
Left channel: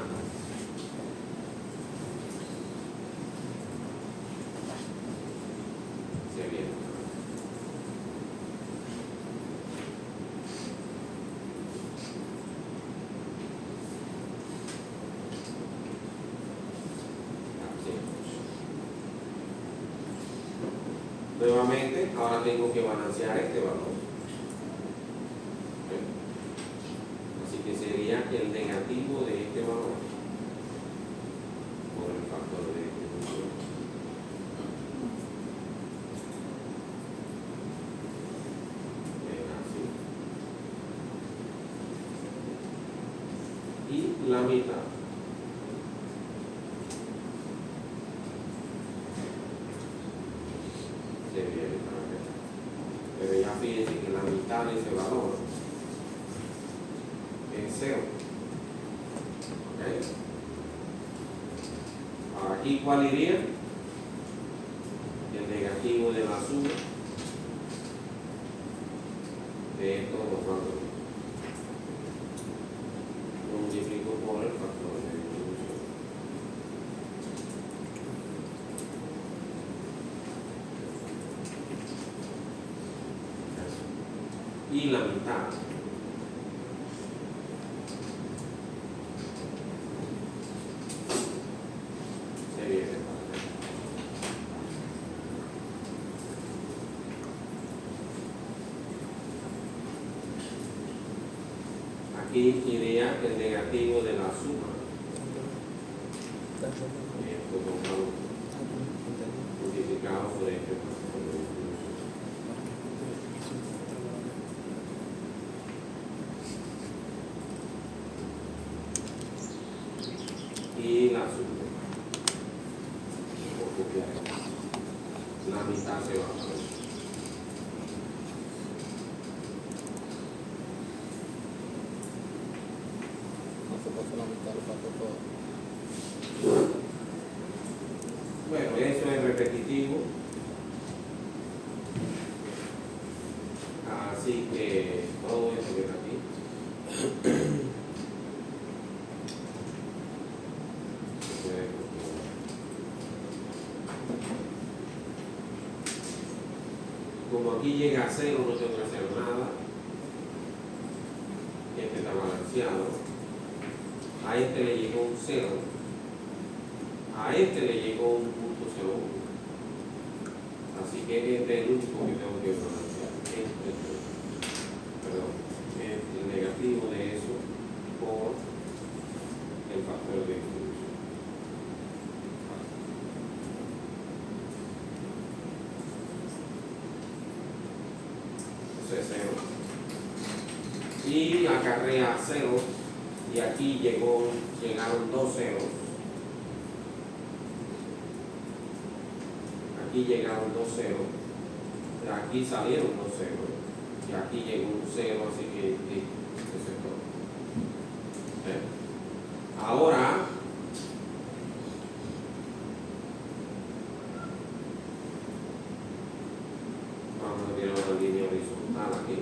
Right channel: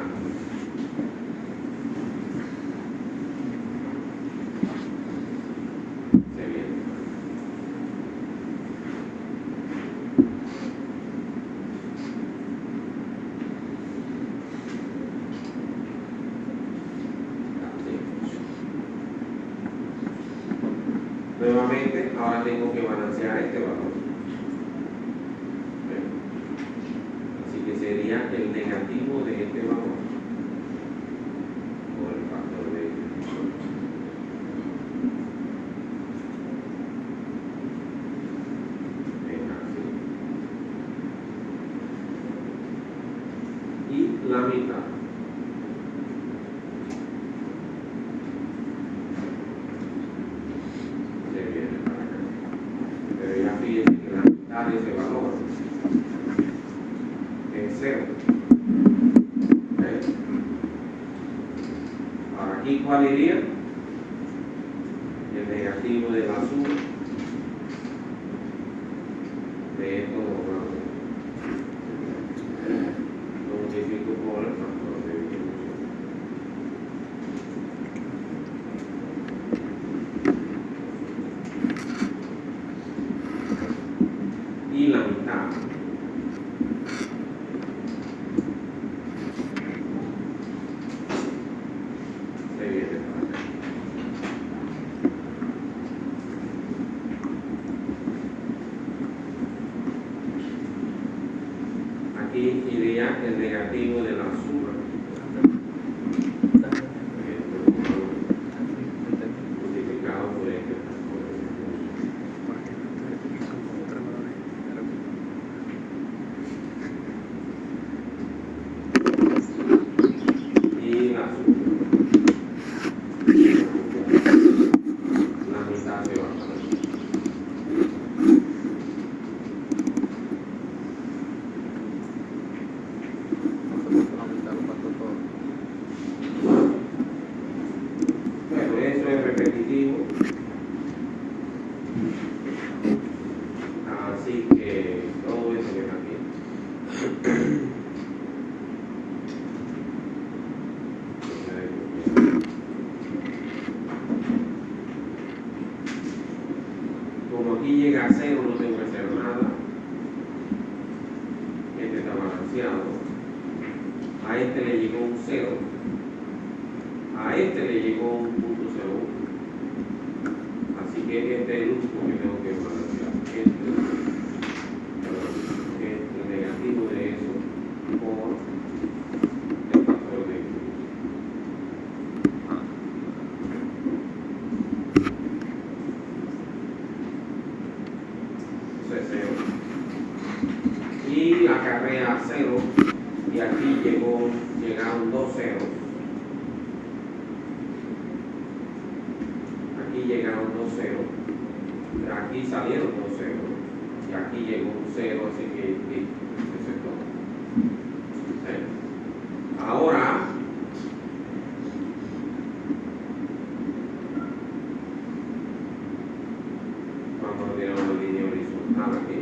se viene. Nuevamente, ahora tengo que balancear este valor. Así que sería el negativo de este valor por el factor de distribución. Así. Y la mitad. Se viene para acá. Pero ya fíjense que la mitad de ese valor es 0. ¿Okay? Ahora aquí, ¿cuál iría? El negativo de la suma de estos dos valores. Lo multiplico por el factor de distribución. Y la mitad se viene para acá. Aquí iría el negativo de la suma multiplicado por este factor de distribución. Y la suma. La mitad se va a poner. Bueno, eso es repetitivo. Así que todo eso que está aquí. Como aquí llega a 0, no tengo que hacer nada. Este está balanceado. A este le llegó un 0. A este le llegó un punto 0,1. Así que este es el único que tengo que balancear. El negativo de eso por el factor de distribución. Entonces 0. Y acarrea 0. Y aquí llegaron 2 ceros. Aquí llegaron 2 ceros. Aquí salieron 2 ceros. Y aquí llegó un 0, así que eso es todo. ¿Sí? Ahora, vamos a tirar una línea horizontal aquí.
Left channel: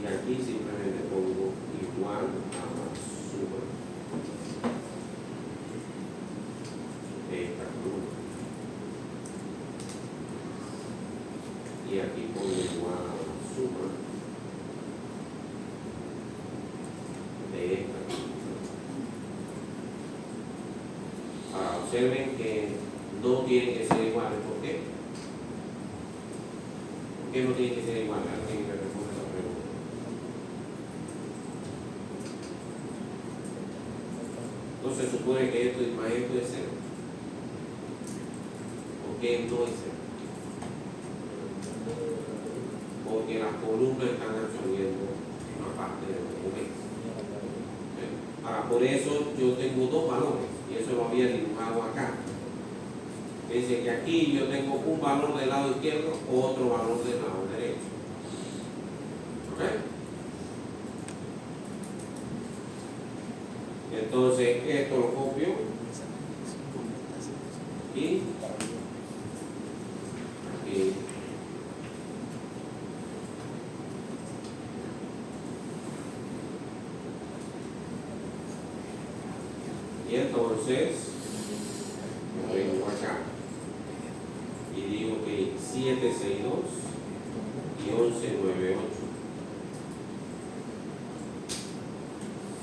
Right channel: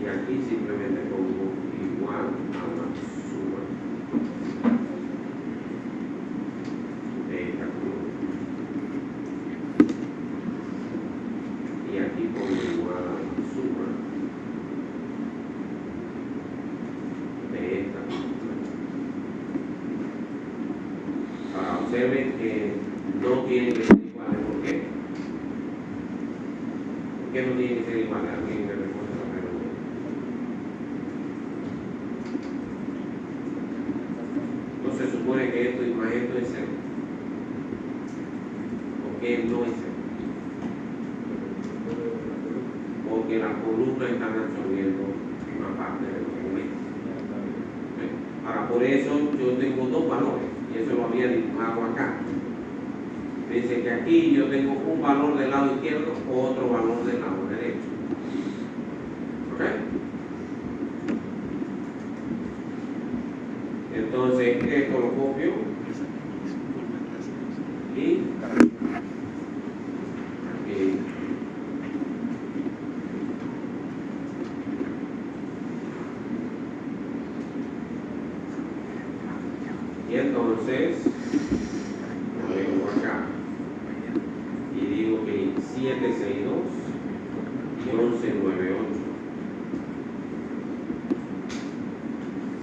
Y aquí simplemente pongo igual a la suma de esta columna. Y aquí pongo igual a la suma de esta columna. Ahora observen que no tienen que ser iguales. ¿Por qué? ¿Por qué no tienen que ser iguales? Alguien me responde esa pregunta. No se supone que esto más esto es 0. ¿Por qué no es 0? Porque las columnas están absorbiendo una parte del documento. Ahora, por eso yo tengo dos valores, y eso lo había dibujado acá. Dice que aquí yo tengo un valor del lado izquierdo o otro valor del lado derecho. ¿Ok? Entonces, esto lo copio y aquí. Y entonces, lo vengo acá y digo que 762 y 1198.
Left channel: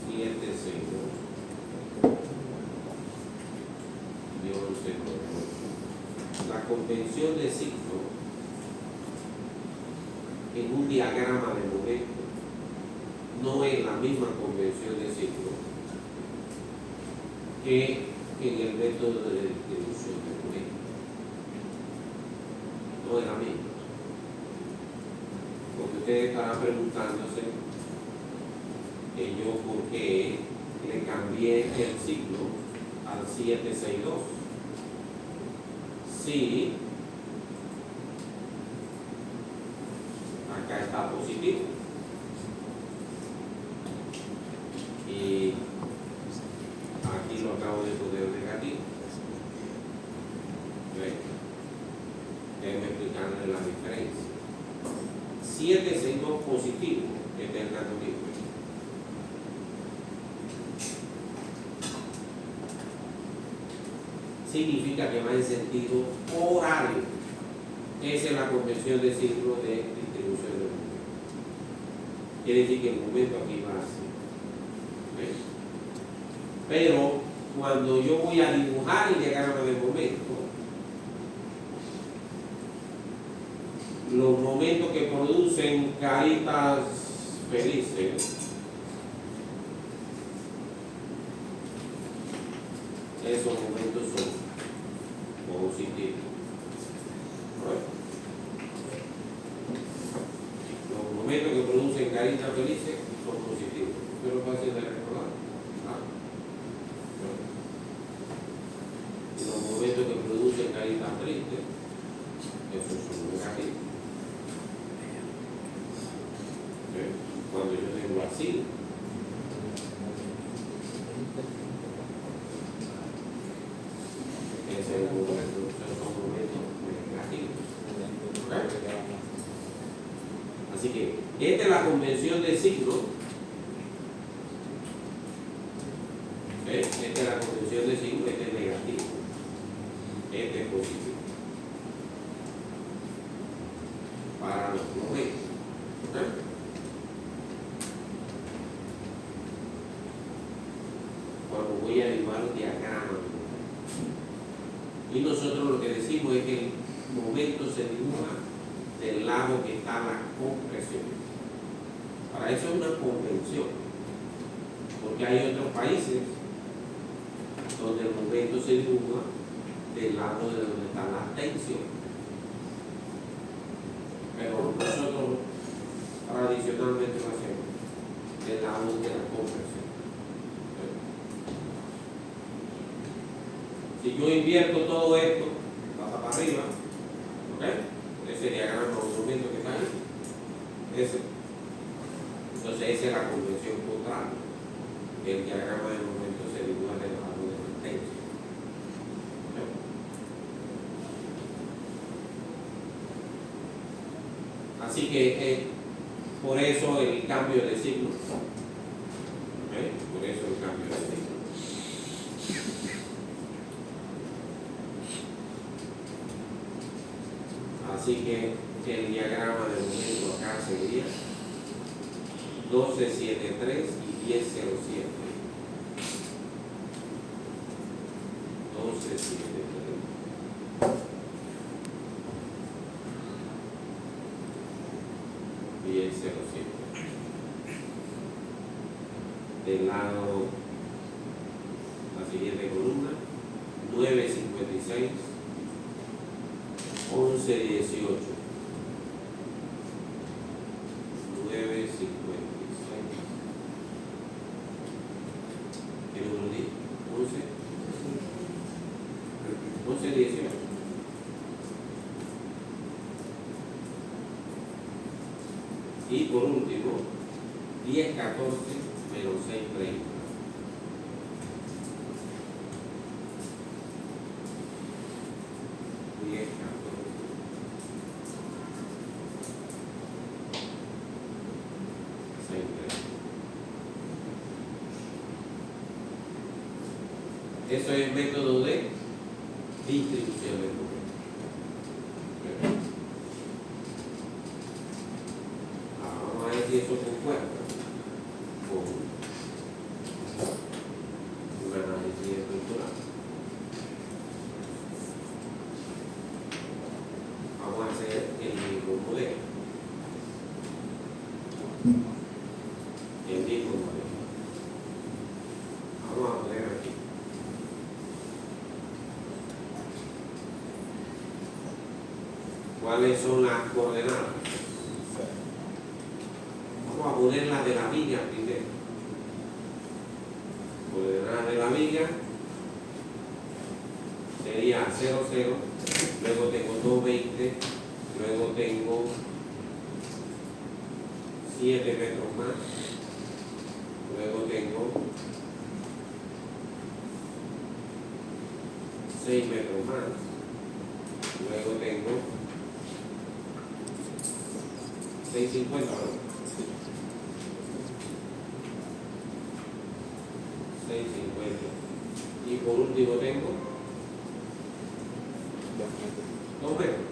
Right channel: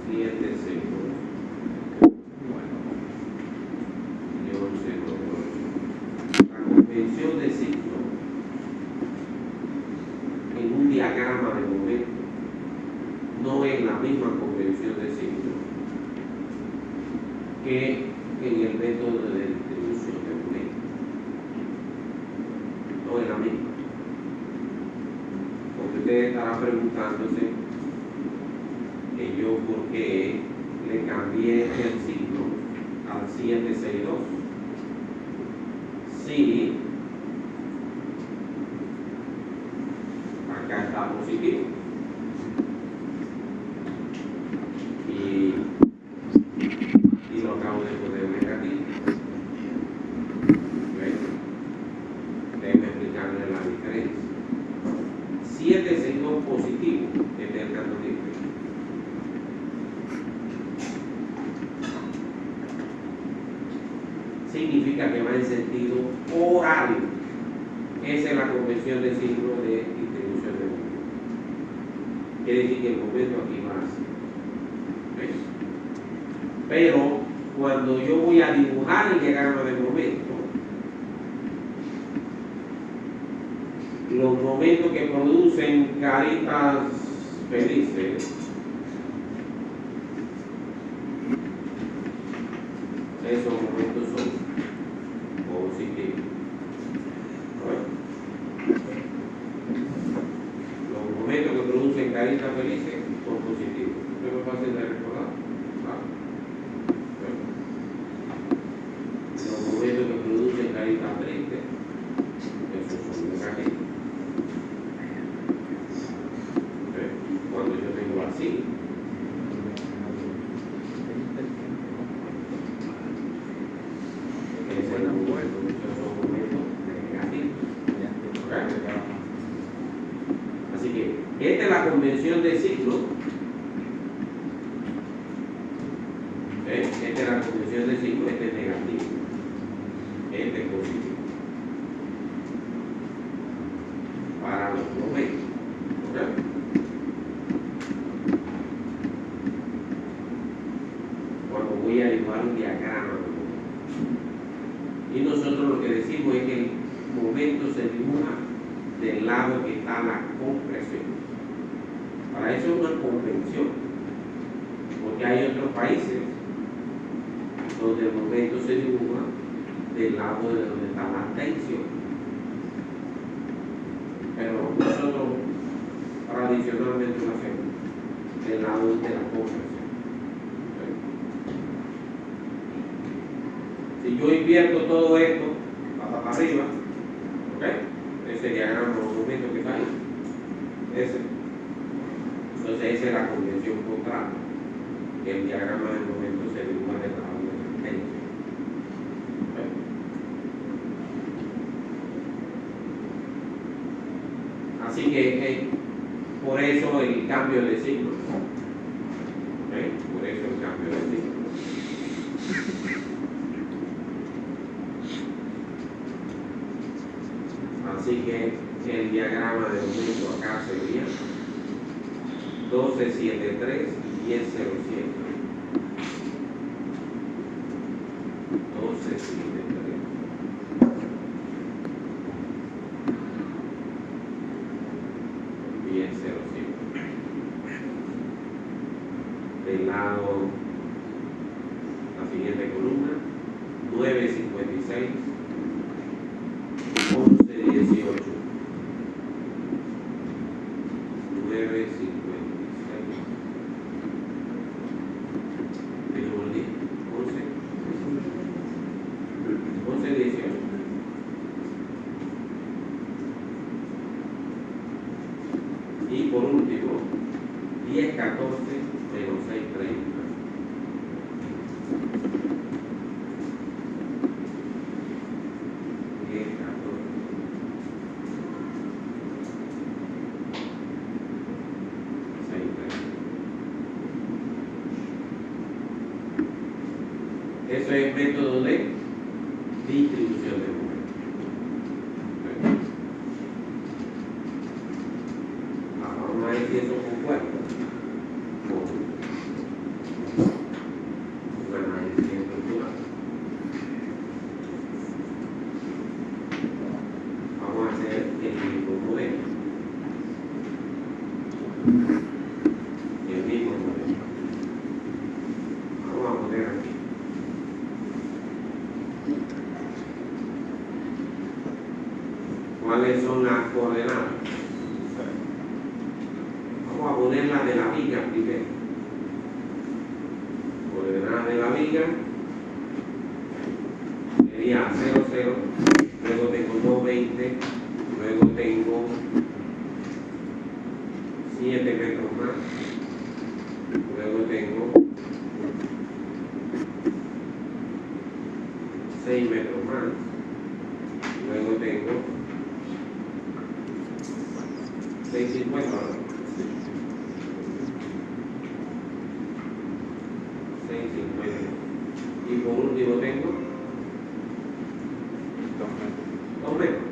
762 y 1198. La convención de ciclo en un diagrama de momento no es la misma convención de ciclo que en el método de distribución de momento. No es la misma. Porque ustedes estarán preguntándose que yo por qué le cambié el ciclo al 762. Sí, acá está positivo. Y aquí lo acabo de poner negativo. Déjenme explicarles la diferencia. 762 positivo es el candolito. Significa que va en sentido horario. Esa es la convención de ciclo de distribución de momento. Quiere decir que el momento aquí va así. ¿Okay? Pero cuando yo voy a dibujar el diagrama de momento, los momentos que producen caritas felices, esos momentos son positivos. Los momentos que producen caritas felices son positivos. ¿Qué me fácil de recordar? Los momentos que producen caritas tristes, esos son negativos. Cuando yo tengo así, ese es el momento, esos son momentos negativos. ¿Okay? Así que esta es la convención de ciclo. Esta es la convención de ciclo, este es negativo, este es positivo. Para los momentos. ¿Okay? Cuando voy a dibujar un diagrama de momento. Y nosotros lo que decimos es que el momento se dibuja del lado que está la compresión. Para eso es una convención, porque hay otros países donde el momento se dibuja del lado de donde está la tensión. Pero nosotros tradicionalmente lo hacemos del lado de la compresión. Si yo invierto todo esto para arriba, ¿ok? Ese diagrama de momento que está ahí, ese. Entonces esa es la convención contraria. El diagrama del momento se dibuja del lado de la tensión. ¿Okay? Así que por eso el cambio de signo. ¿Okay? Por eso el cambio de signo. Así que el diagrama de momento acá sería 1273 y 1007. 1273. Y 1007. Del lado, la siguiente columna, 956. 1118. 956. Tenemos el día. 11. 1118. Y por último, 10, 14 menos 6, 30. 10, 14. 6, 30. Eso es el método de distribución de números. Ahora vamos a ver si eso concuerda con un análisis estructural. Vamos a hacer el mismo modelo. El mismo modelo. Vamos a poner aquí. ¿Cuáles son las coordenadas? Vamos a poner la de la viga primero. Coordenadas de la viga sería 0, 0, luego tengo 2, 20, luego tengo 7 metros más, luego tengo 6 metros más, luego tengo 650 ahora. 650. Y por último tengo 2 metros.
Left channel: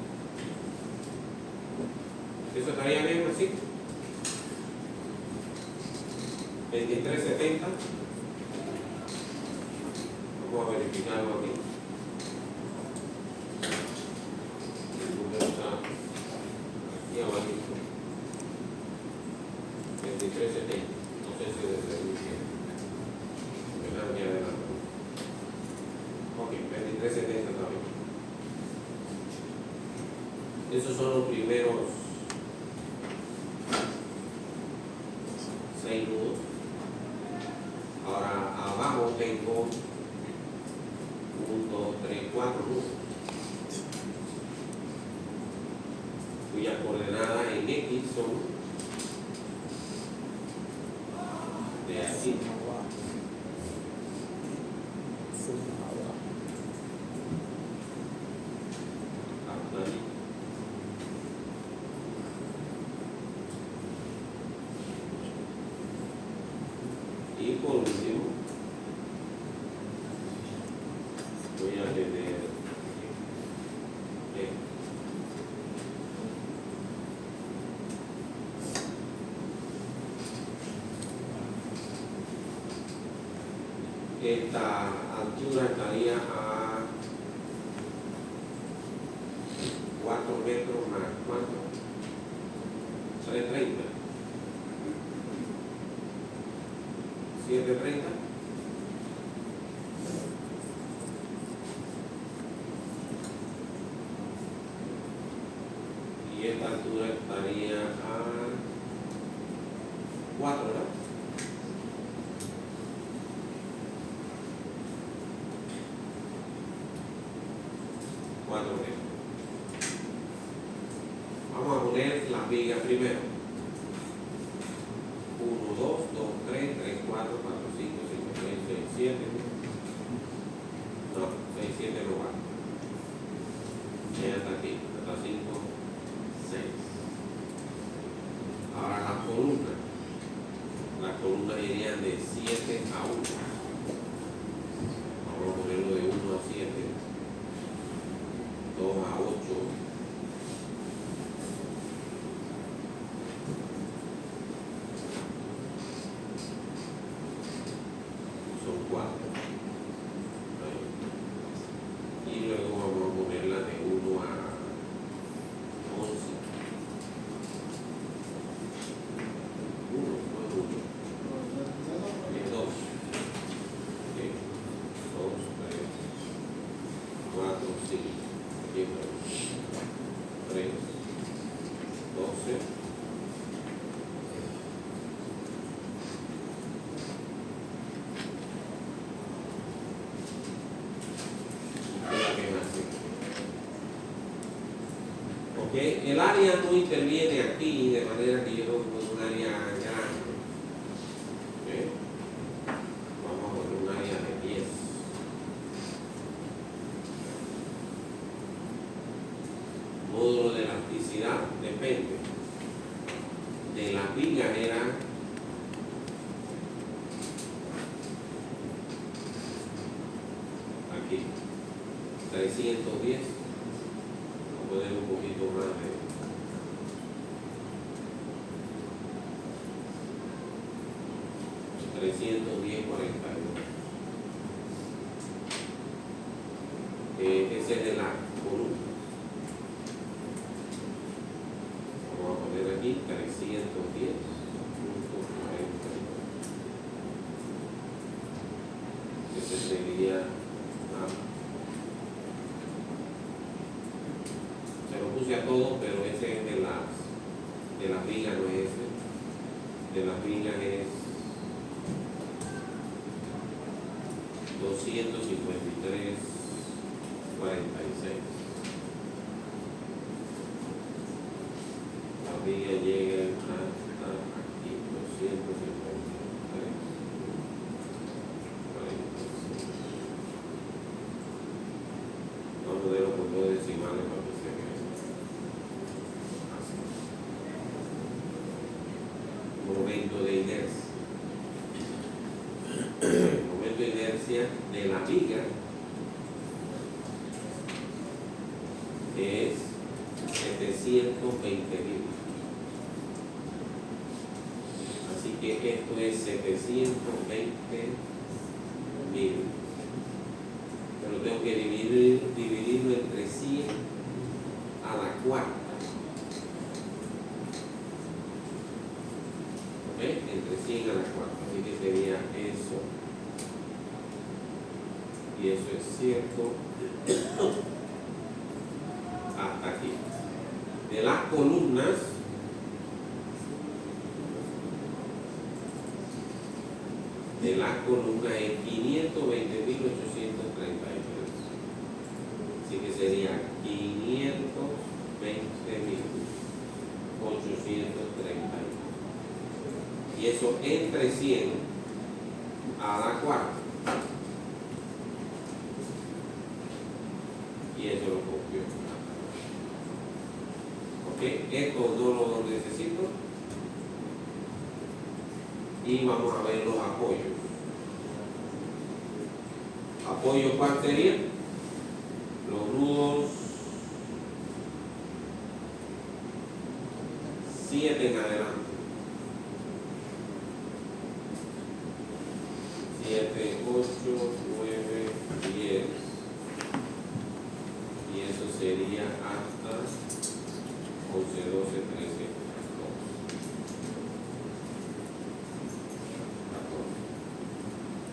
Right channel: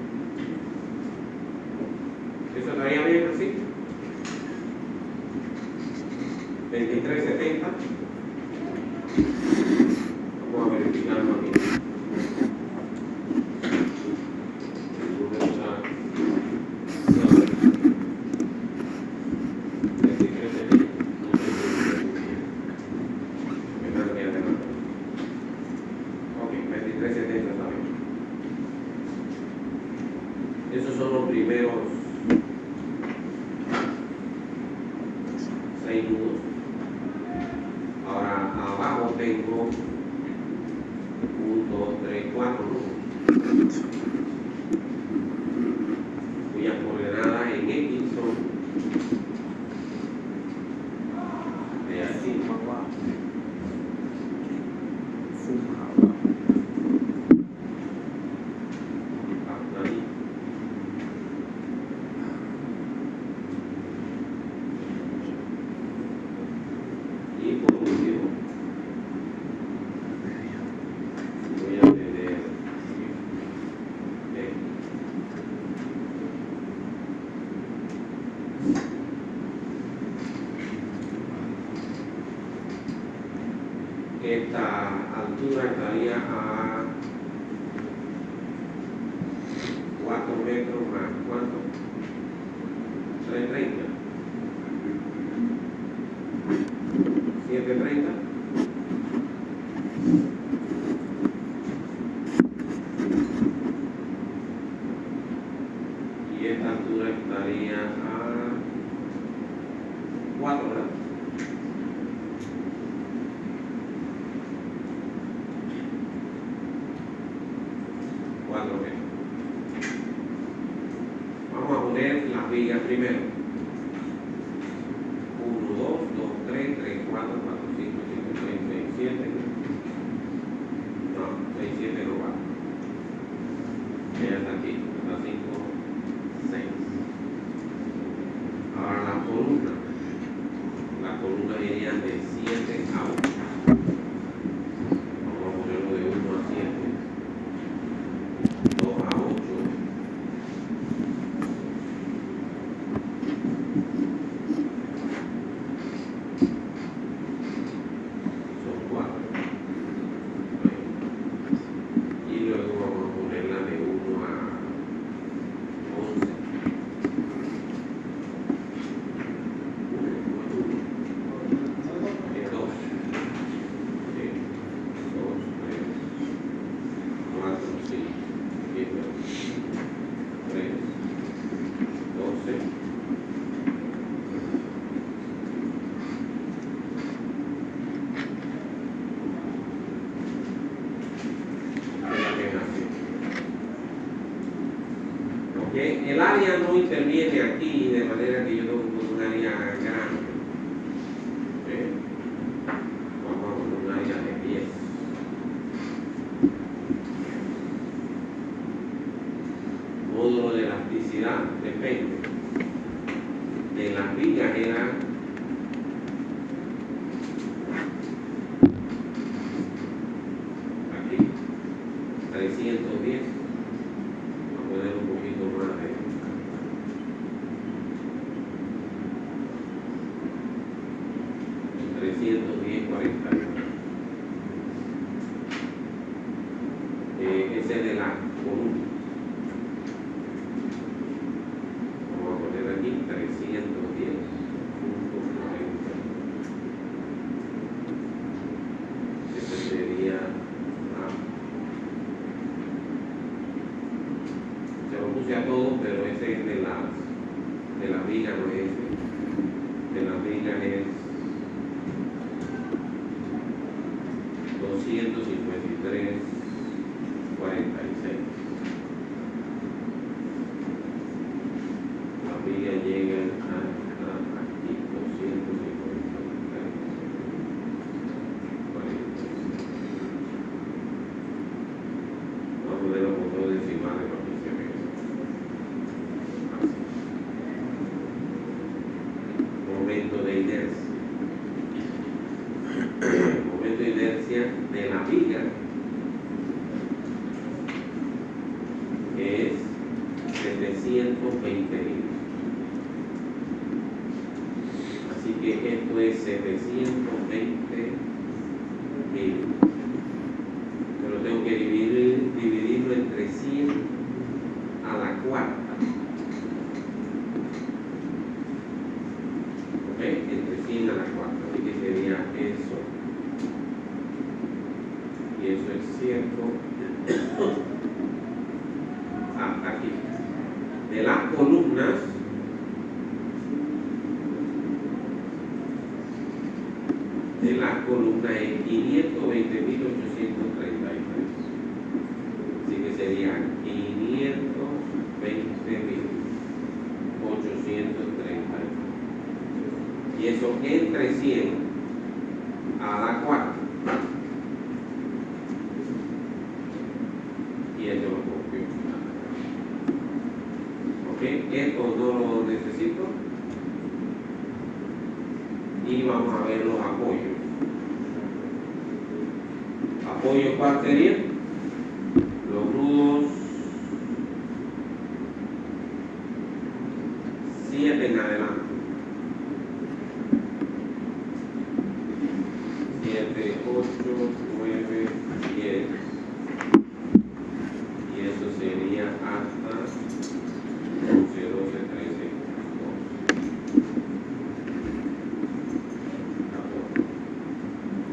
¿Eso estaría bien así? 2370. Vamos a verificarlo aquí. El número está... No, 2370. No sé si lo estoy. Ok, 2370 está bien. Esos son los primeros 6 nudos. Ahora abajo tengo 1, 2, 3, 4 nudos, cuyas coordenadas en X son de aquí. Hasta ahí. Y por último, voy a tener esta altura estaría a 4 metros más, ¿cuánto? 330. 730. Y esta altura estaría a 4, ¿verdad? 4 metros. Vamos a poner las vigas primero. 1, 2, 2, 3, 3, 4, 4, 5, 5, 6, 6, 7. No, 6, 7 no va. Ya está aquí. Está 5, 6. Ahora las columnas. Las columnas irían de 7 a 1. Vamos a ponerlo de 1 a 7. 2 a 8. Son 4. Y luego vamos a ponerla de 1 a 11. 1, 1. Es 2. Ok, el área no interviene aquí de manera que yo tengo que poner un área grande. Ok, vamos a poner un área de 10. Módulo de elasticidad depende de las vigas, eran aquí 310. Vamos a poner un poquito más de 310, 41. Ese es de la columna. Vamos a poner aquí 310.40. Ese sería, se lo puse a todos, pero ese es de la viga, no es ese. De la viga es 253.46. La viga llega hasta aquí, 253.46. Vamos a ponerlo con dos decimales para que se vea. Momento de inercia. Momento de inercia de la viga es 720.000. Así que esto es 720.000. Pero tengo que dividirlo entre 100 a la cuarta. ¿Ok? Entre 100 a la cuarta. Así que sería eso. Y eso es cierto hasta aquí. De las columnas, es 520.833. Así que sería 520.833. Y eso entre 100 a la cuarta. Y eso lo copio. Ok, esto no lo necesito. Y vamos a ver los apoyos. ¿Apoyo cuál sería? Los nudos 7 en adelante. 7, 8, 9, 10. Y eso sería hasta 11, 12, 13, 14.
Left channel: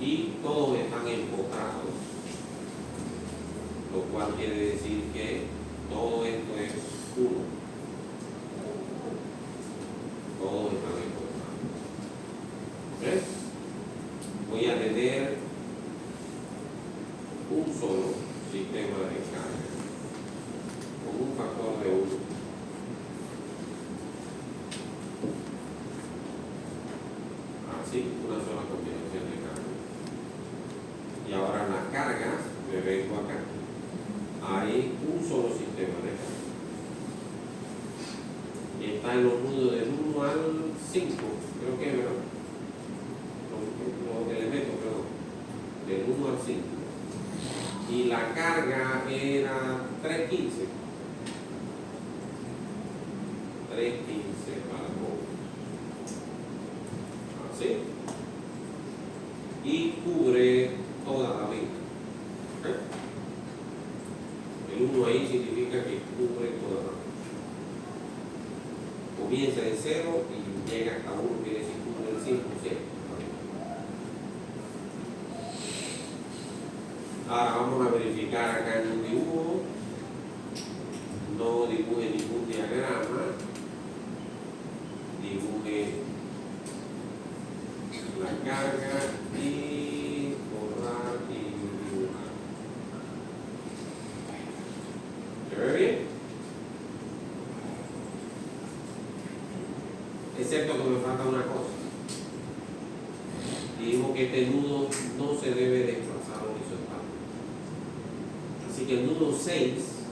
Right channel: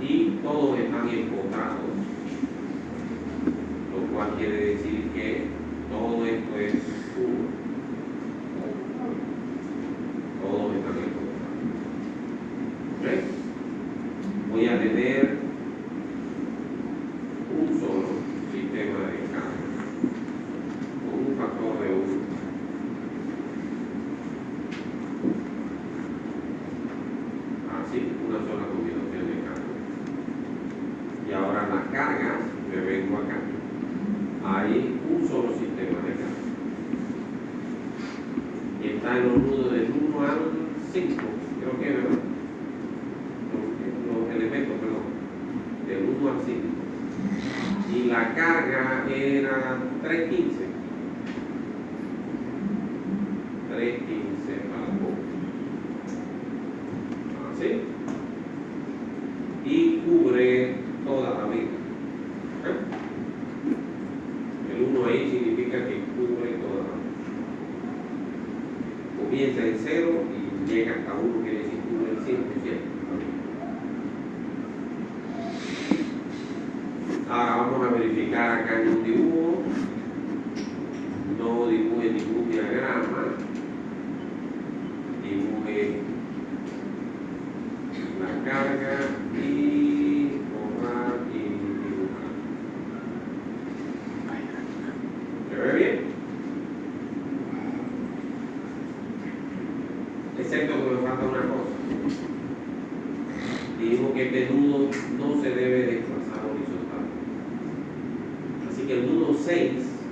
Y todos están empotrados, lo cual quiere decir que todo esto es 1. Todos están empotrados. ¿Ves? Voy a tener un solo sistema de carga con un factor de 1. Así, una sola combinación de carga. Y ahora las cargas, me vengo acá. Hay un solo sistema de carga. Y está en los nudos del 1 al 5, creo que, ¿verdad? Los elementos, perdón. Del 1 al 5. Y la carga era 315. 315 al poco. Así. Y cubre toda la viga. El 1 ahí significa que cubre toda la viga. Comienza en 0 y llega hasta 1, quiere decir cubre el 100%. Ahora vamos a verificar acá en un dibujo. No dibuje ningún diagrama. Dibuje la carga y borrar y dibujar. ¿Se ve bien? excepto que me falta una cosa. Dijimos que este nudo no se debe desplazar horizontal. Así que el nudo 6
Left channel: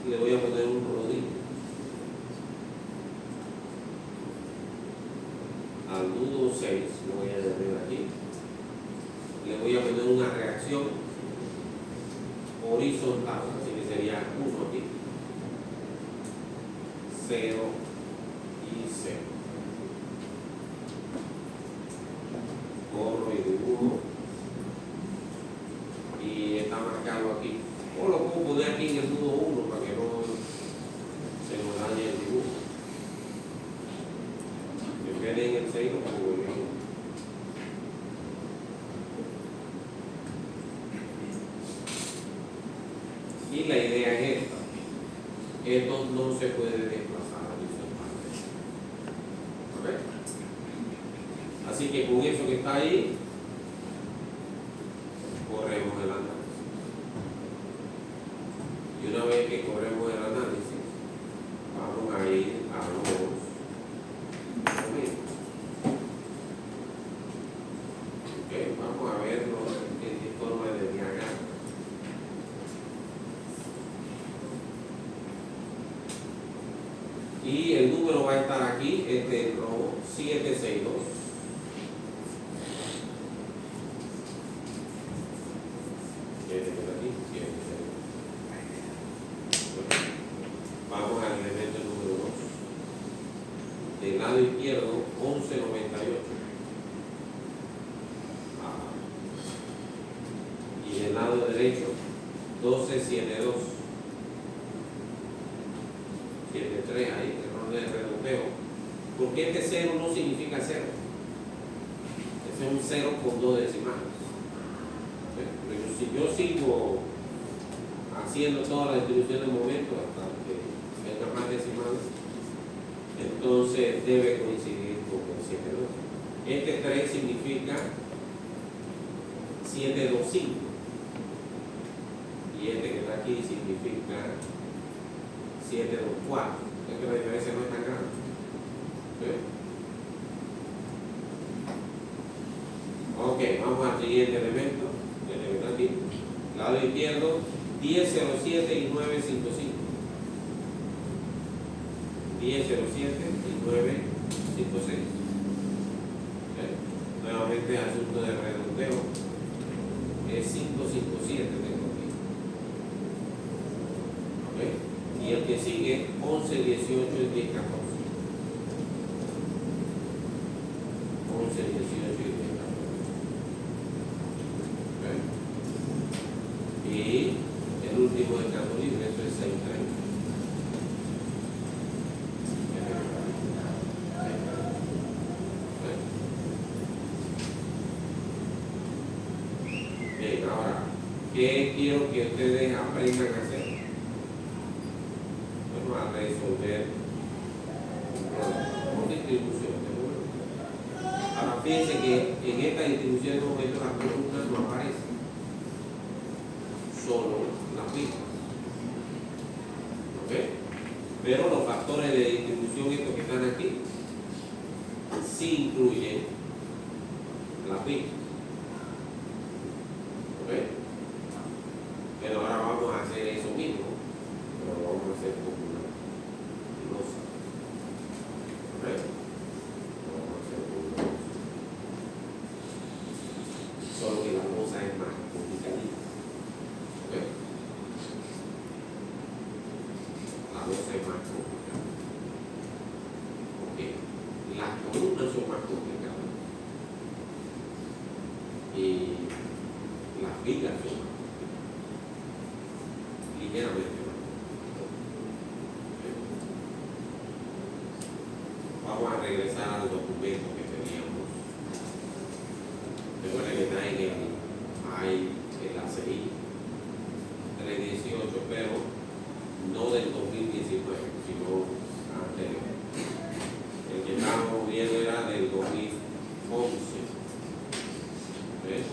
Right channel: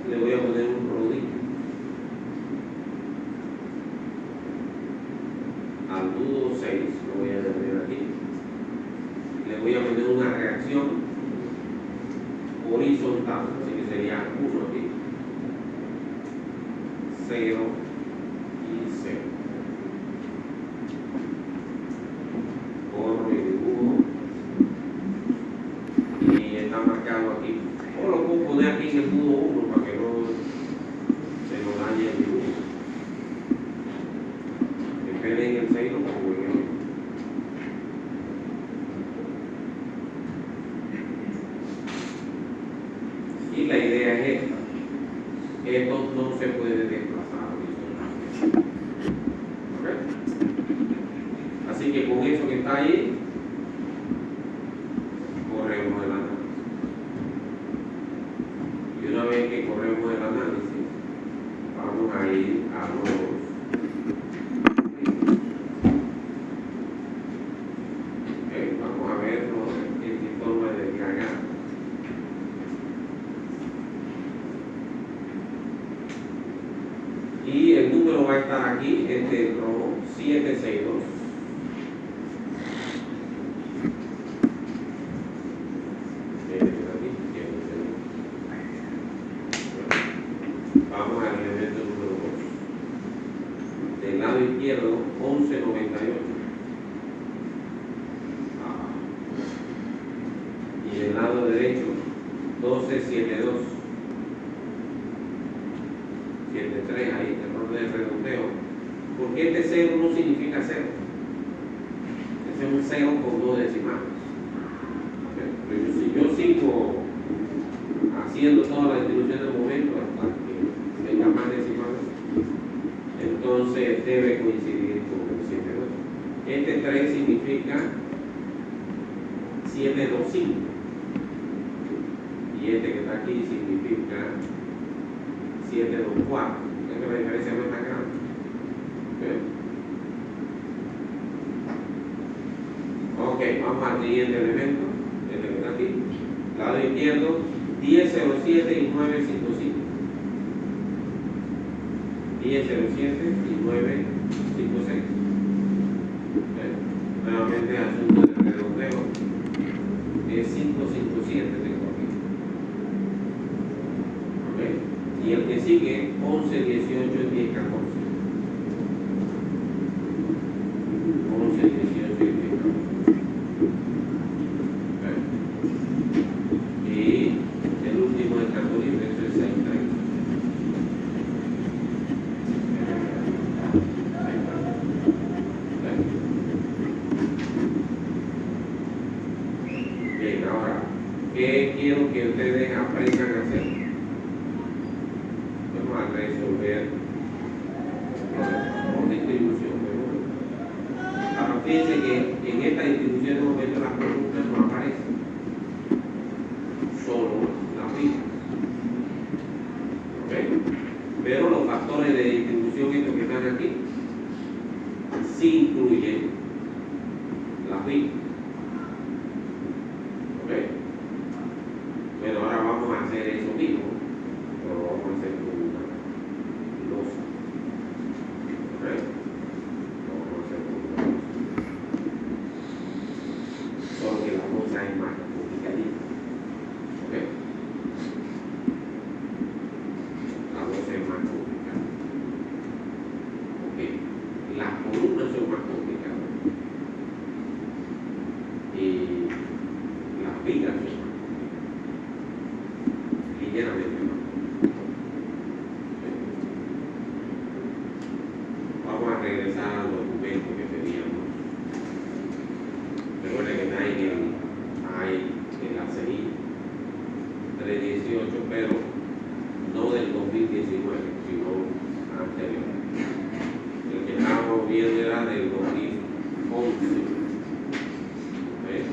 le voy a poner un rodillo. Al nudo 6 lo voy a poner aquí. Le voy a poner una reacción horizontal, así que sería 1 aquí. 0 y 0. Corro y dibujo. Y está marcado aquí. O lo puedo poner aquí en el nudo 1 para que no se lo dañe el dibujo. En vez de en el 6 lo pongo en el. Y la idea es esta. Esto no se puede desplazar horizontalmente. ¿Ok? Así que con eso que está ahí, corremos el análisis. Y una vez que corremos el análisis, vamos a ir a los vamos a ver qué forma de diagrama. Y el número va a estar aquí, este rojo 762. Vamos al elemento número 2. Del lado izquierdo, 1198. Y del lado derecho, 1272. 73 ahí, error de redondeo. Porque este 0 no significa 0. Ese es un 0 con 2 decimales. Pero si yo sigo haciendo toda la distribución de momentos hasta que tenga más decimales, entonces debe coincidir con el 72. Este 3 significa 725. Y este que está aquí significa 724. Es que la diferencia no es tan grande. Ok, vamos al siguiente elemento. Aquí, lado izquierdo, 1007 y 955. 1007 y 956. Nuevamente asunto de redondeo. Es 557 tengo aquí. Ok. Y el que sigue, 11, 18 y 10, 14. 11, 18 y 10, 14. Y el último de campo libre, eso es 6, 30. Bien, ahora, ¿qué quiero que ustedes aprendan a hacer? Vamos a resolver con distribución de números. Ahora, fíjense que en esta distribución de momentos las columnas no aparecen, solo las vigas. ¿Ok? Pero los factores de distribución estos que están aquí sí incluyen las vigas. ¿Ok? Bueno, ahora vamos a hacer eso mismo, pero lo vamos a hacer con una losa. ¿Ok? Lo vamos a hacer con una losa. Solo que la losa es más complicadita. ¿Ok? La losa es más complicada. Ok. Las columnas son más complicadas. Y las vigas son más ligeramente más. Vamos a regresar al documento que teníamos. Recuerden que está en la CI 318, pero no del 2019, sino anterior. El que estábamos viendo era del 2011. ¿Ves?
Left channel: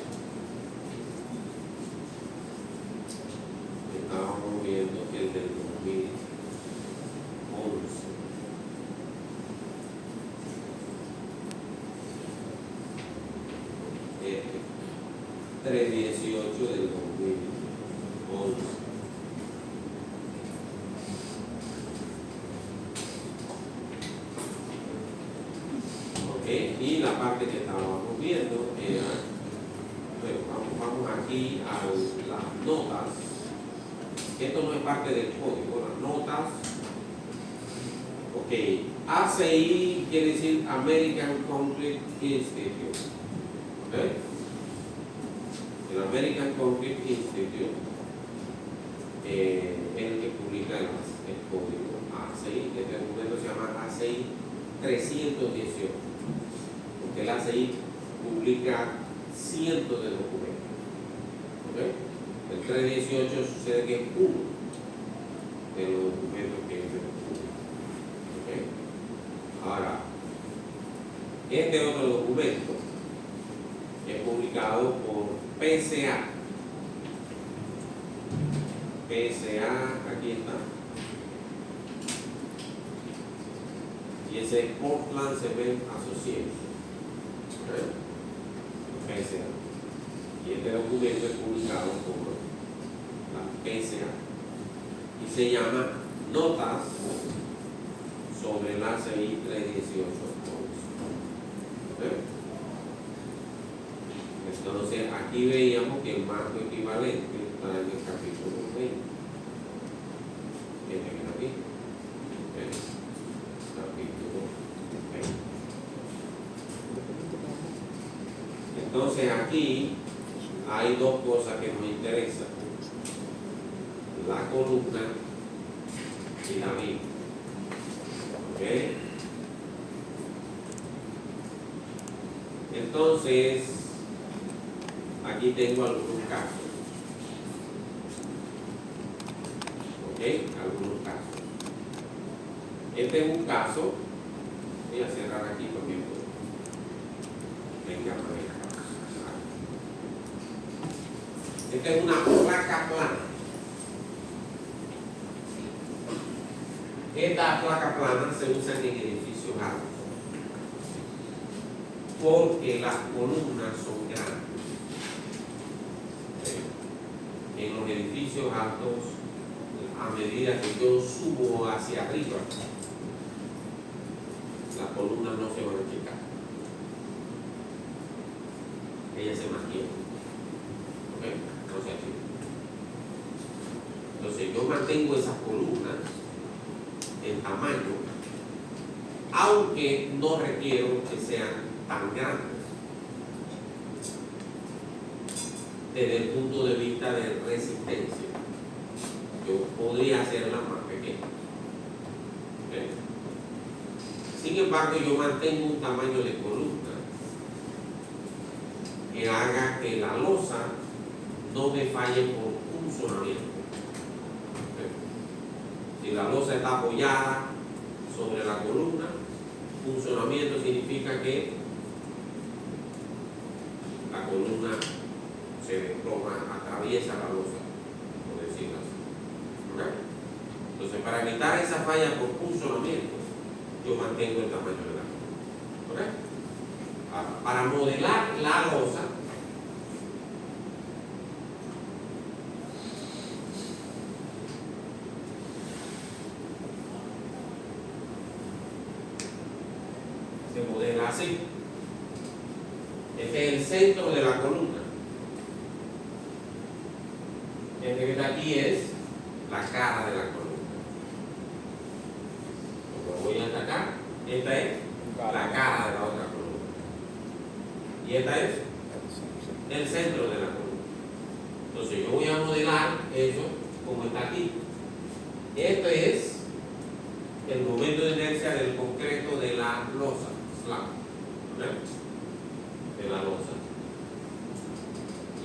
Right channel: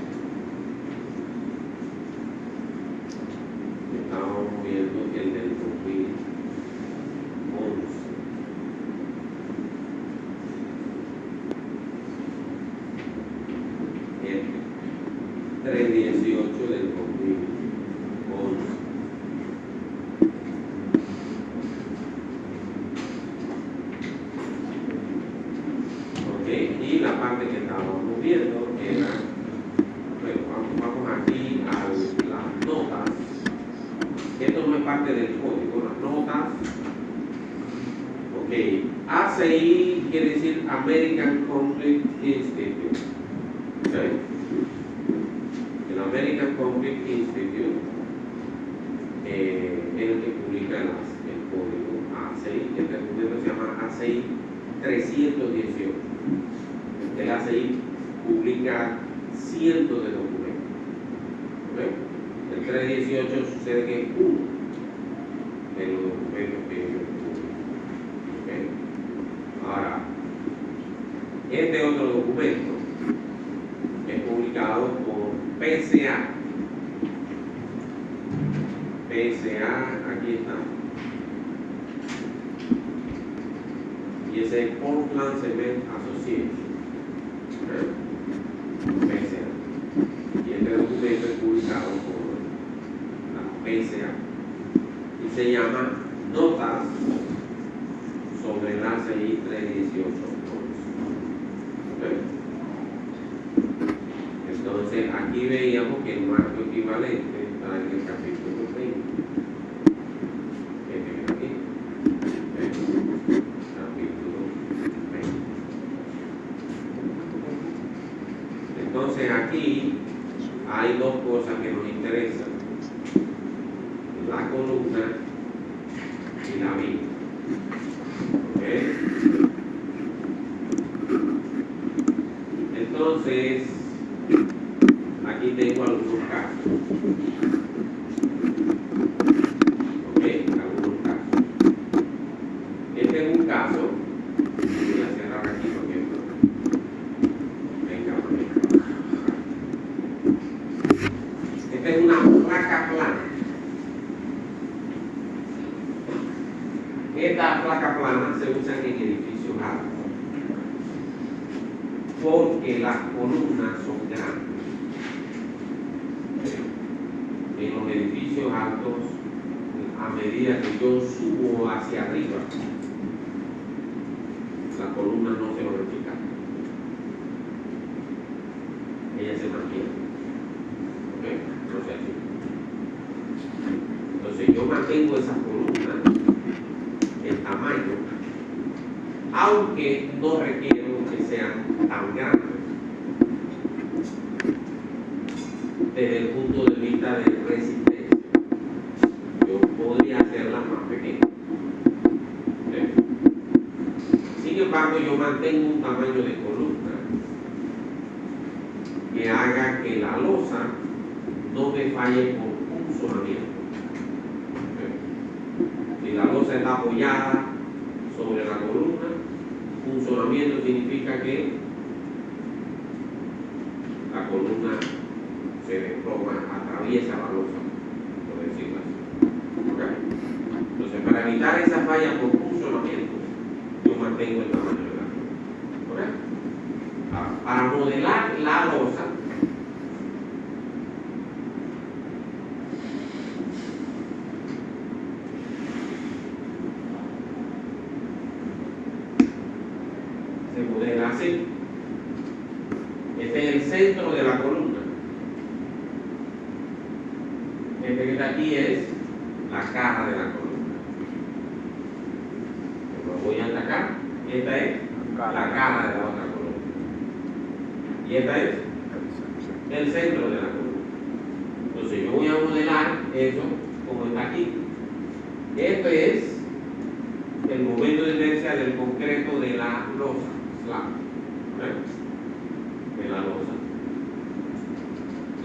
18 del 2011. Ok, y la parte que estábamos viendo era, bueno, vamos aquí a las notas. Esto no es parte del código, las notas. Ok, ACI quiere decir American Conflict Institute. Okay. El American Conflict Institute es el que publica el código ACI, que este documento se llama ACI 318. El ACI publica cientos de documentos. Okay. El 318 sucede que es uno de los documentos que ellos publican. Okay. Ahora, este otro documento es publicado por PCA. PCA, aquí está. Y ese es Portland Cement Association. Okay. PCA. Y este documento es publicado por la PCA. Y se llama Notas sobre el ACI 318. Okay. Entonces, aquí veíamos que el marco equivalente está en el capítulo 20. Aquí. Capítulo 20. Entonces, aquí hay dos cosas que nos interesan: la columna y la Biblia. ¿Okay? Entonces, aquí tengo algunos casos. ¿Ok? Algunos casos. Este es un caso. Voy a cerrar aquí porque tenga manera. Esta es una placa plana. Esta placa plana se usa en edificios altos porque las columnas son grandes. En los edificios altos, a medida que yo subo hacia arriba, las columnas no se van a achicar. Ellas se mantienen. ¿Ok? No se achican. Entonces yo mantengo esas columnas en tamaño, aunque no requiero que sean tan grandes desde el punto de vista de resistencia. Yo podría hacerla más pequeña. ¿Okay? Sin embargo, yo mantengo un tamaño de columna que haga que la losa no me falle por funcionamiento. ¿Okay? Si la losa está apoyada sobre la columna, funcionamiento significa que la columna se desploma, atraviesa la losa, por decirlo así. ¿Okay? Entonces, para evitar esa falla por funcionamiento, yo mantengo el tamaño de la columna. ¿Okay? Para modelar la losa, se modela así. Este es el centro de la columna. Este que está aquí es la cara de la columna. Lo voy a atacar. Esta es la cara de la otra columna. Y esta es el centro de la columna. Entonces yo voy a modelar eso como está aquí. Esto es el momento de inercia del concreto de la losa, slab, de la losa.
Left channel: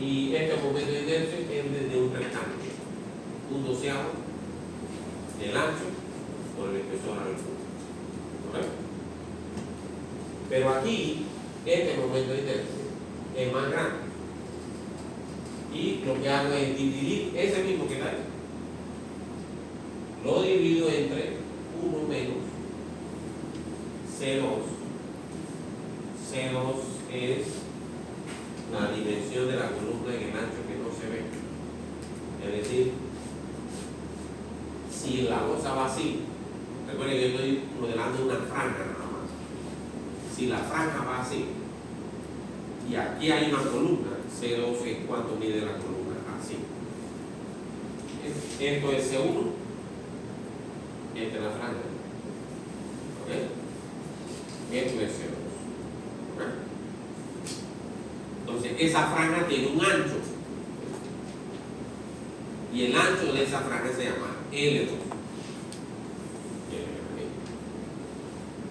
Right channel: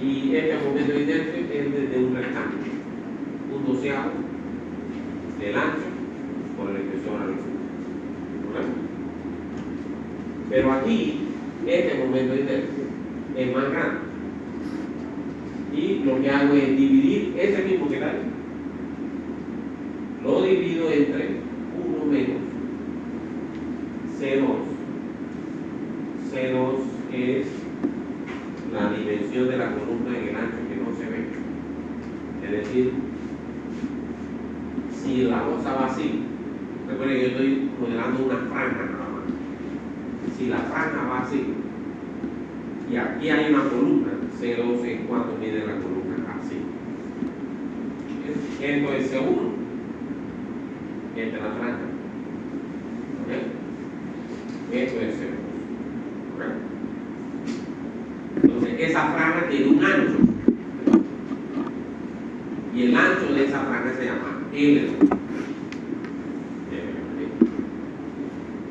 Y este momento de inercia es desde un rectángulo, un doceavo del ancho por el espesor al fondo. Pero aquí, este momento de inercia es más grande. Y lo que hago es dividir ese mismo que está ahí. Lo divido entre 1 menos C2. C2 es la dimensión de la columna en el ancho que Recuerden que yo estoy modelando una franja nada más. Si la franja va así, y aquí hay una columna, C12, ¿en cuánto mide la columna? Así. Esto es C1, esta es la franja. ¿Ok? Esto es C2. ¿Ok? Entonces, esa franja tiene un ancho. Y el ancho de esa franja se llama L2.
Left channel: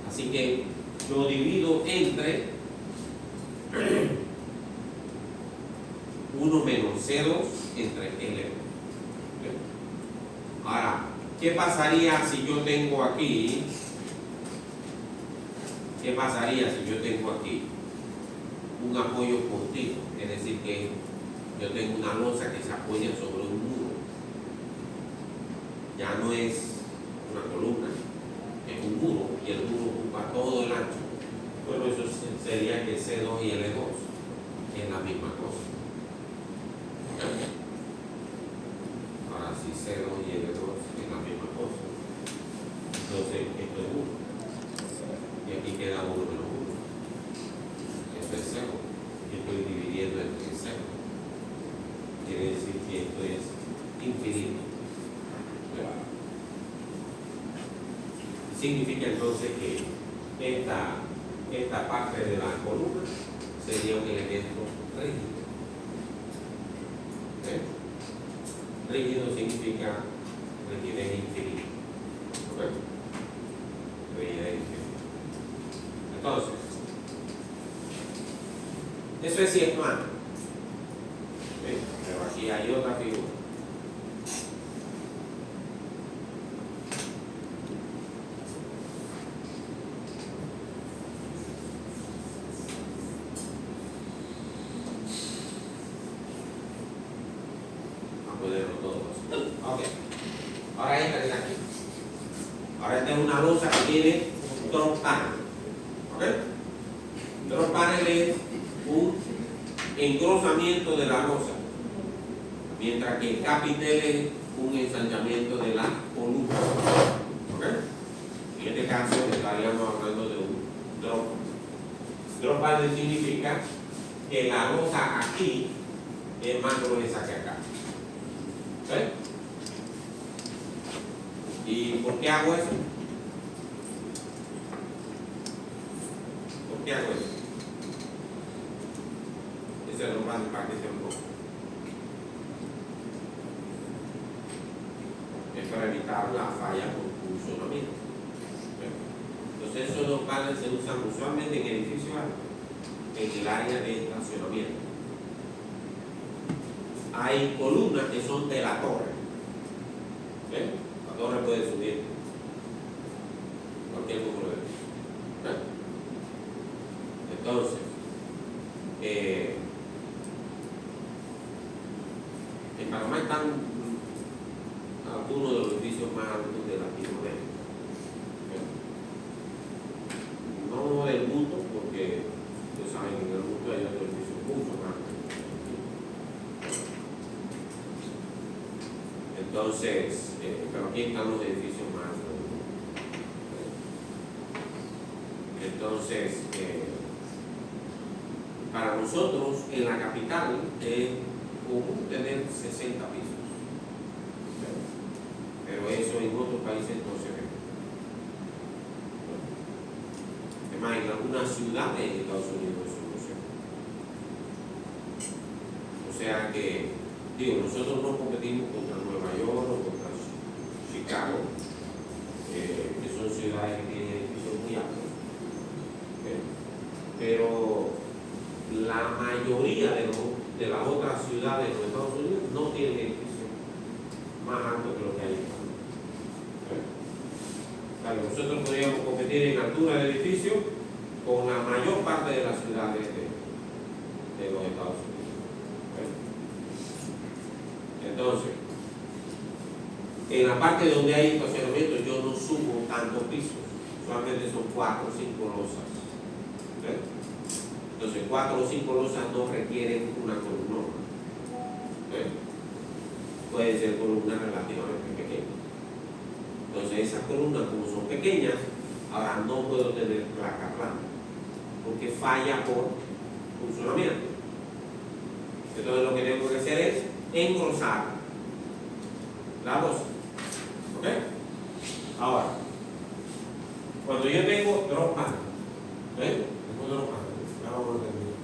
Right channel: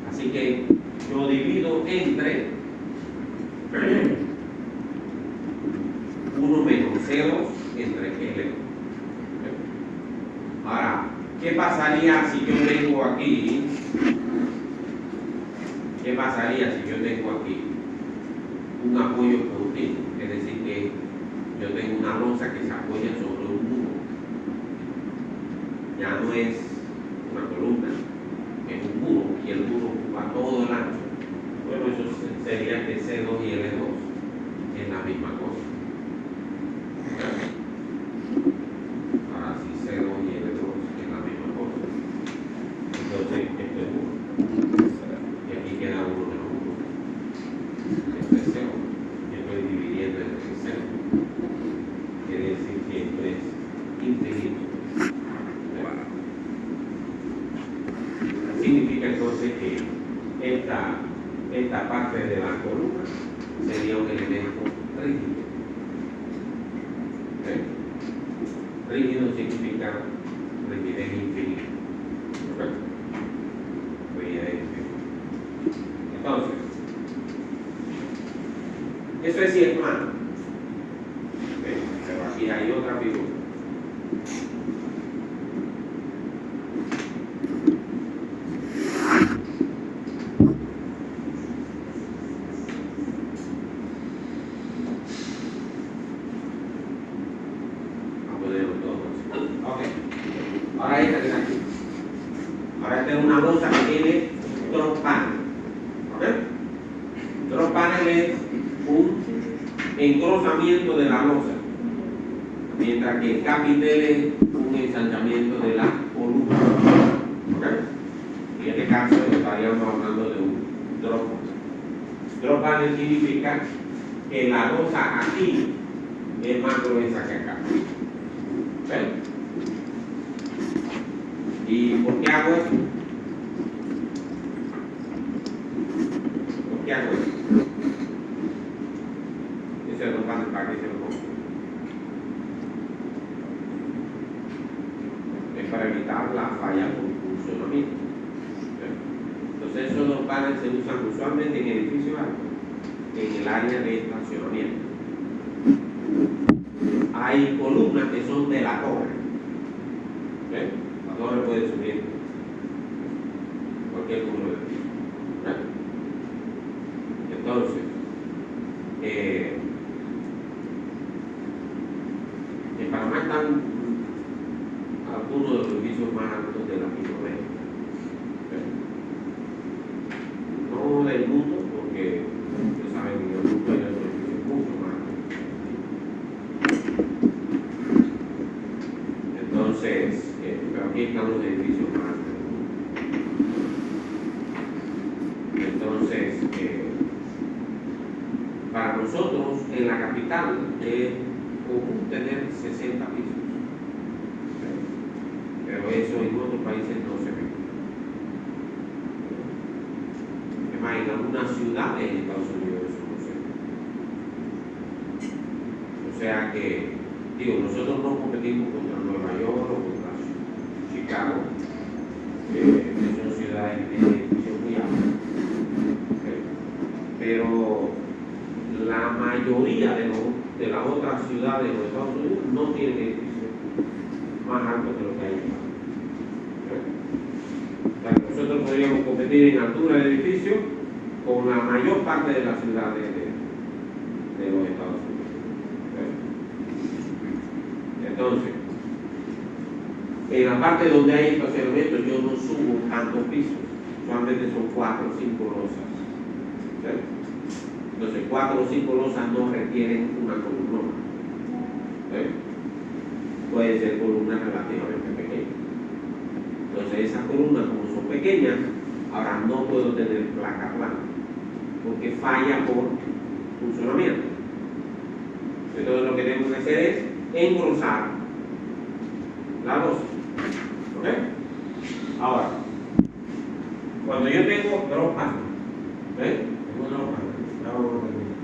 Así que yo divido entre 1 menos C2 entre L2. Ahora, ¿qué pasaría si yo tengo aquí? ¿Qué pasaría si yo tengo aquí un apoyo continuo? Es decir, que yo tengo una losa que se apoya sobre un muro. Ya no es una columna, es un muro, y el muro ocupa todo el ancho. Bueno, eso sería que C2 y L2 es la misma cosa. Ahora sí, C2 y L2 es la misma cosa. Entonces, esto es 1. Y aquí queda 1 menos 1. Esto es 0. Yo estoy dividiendo entre 0. Quiere decir que esto es infinito. Significa entonces que esta parte de la columna sería un elemento rígido. ¿Okay? Rígido significa rigidez infinita. ¿Okay? Rigidez infinita. Entonces, eso es cierto. ¿Okay? Pero aquí hay otra figura. Engrosamiento de la losa, mientras que el capitel es un ensanchamiento de la columna. ¿Okay? En este caso estaríamos hablando de un drop panel. Drop panel significa que la losa aquí es más gruesa que acá. ¿Okay? ¿Y por qué hago eso? ¿Por qué hago eso? Para que se ponga. Es para evitar la falla por funcionamiento. Entonces esos dos paneles se usan usualmente en edificios altos, en el área de estacionamiento. Hay columnas que son de la torre. ¿Okay? La torre puede subir cualquier número de pisos. ¿Okay? Entonces, en Panamá están algunos de los edificios más altos de Latinoamérica. No del mundo, porque ustedes saben que en el mundo hay otros edificios mucho más altos. Entonces, pero aquí están los edificios más altos del mundo. Entonces, para nosotros en la capital es común tener 60 pisos, pero eso en otros países no se ve. Es más, en algunas ciudades en Estados Unidos eso no se ve. O sea que, nosotros no competimos contra Nueva York o contra Chicago, que son ciudades de edificios muy altos. Pero la mayoría de las otras ciudades de los Estados Unidos no tienen edificios más altos que los que hay en Panamá. O sea, nosotros podríamos competir en altura de edificios con la mayor parte de las ciudades de los Estados Unidos. Entonces, en la parte donde hay estacionamiento yo no subo tantos pisos, solamente son 4 o 5 losas. Entonces 4 o 5 losas no requieren una columna. Puede ser columna relativamente pequeña. Entonces esas columnas, como son pequeñas, ahora no puedo tener placa plana, porque falla por funcionamiento. Entonces lo que tengo que hacer es engrosar la losa. ¿Ok? Ahora, cuando yo tengo drop panel, ¿ven? Tengo drop panel, ya vamos a terminar.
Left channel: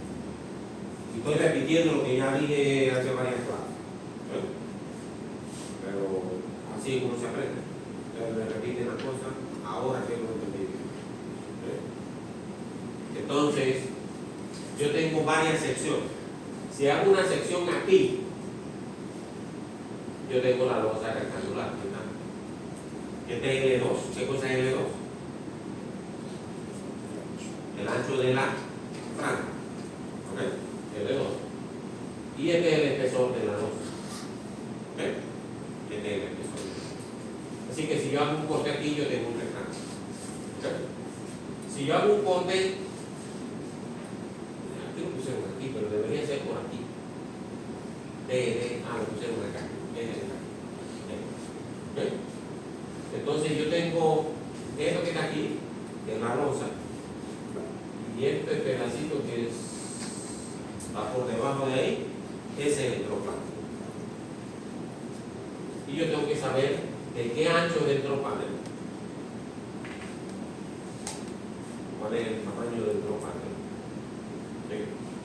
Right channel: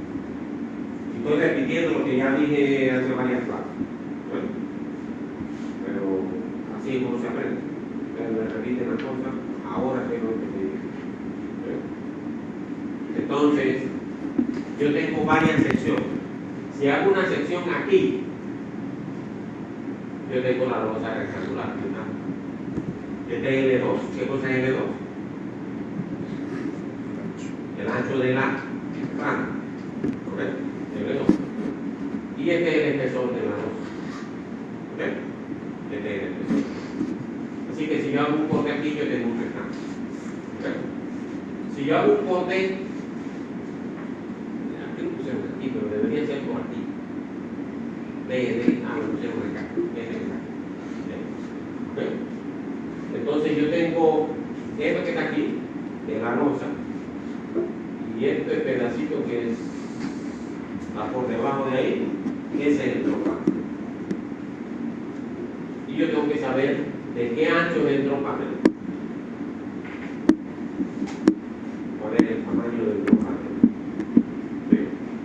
Y estoy repitiendo lo que ya dije hace varias clases. ¿Ven? Pero así es como se aprende. Ustedes me repiten las cosas, ahora sé lo que me dicen. Entonces, yo tengo varias secciones. Si hago una sección aquí, yo tengo la losa rectangular. Este es L2. ¿Qué cosa es L2? El ancho de la franja. ¿Ok? L2. Y este es el espesor de la losa. ¿Ok? Este es el espesor. Así que si yo hago un corte aquí, yo tengo un rectángulo. ¿Ok? Si yo hago un corte, aquí lo pusieron aquí, pero debería ser por aquí. Lo pusieron acá. ¿Ok? Entonces yo tengo esto que está aquí, que es la losa, y este pedacito que está por debajo de ahí, ese es el drop panel. Y yo tengo que saber de qué ancho es el drop panel. ¿Cuál es el tamaño del drop panel?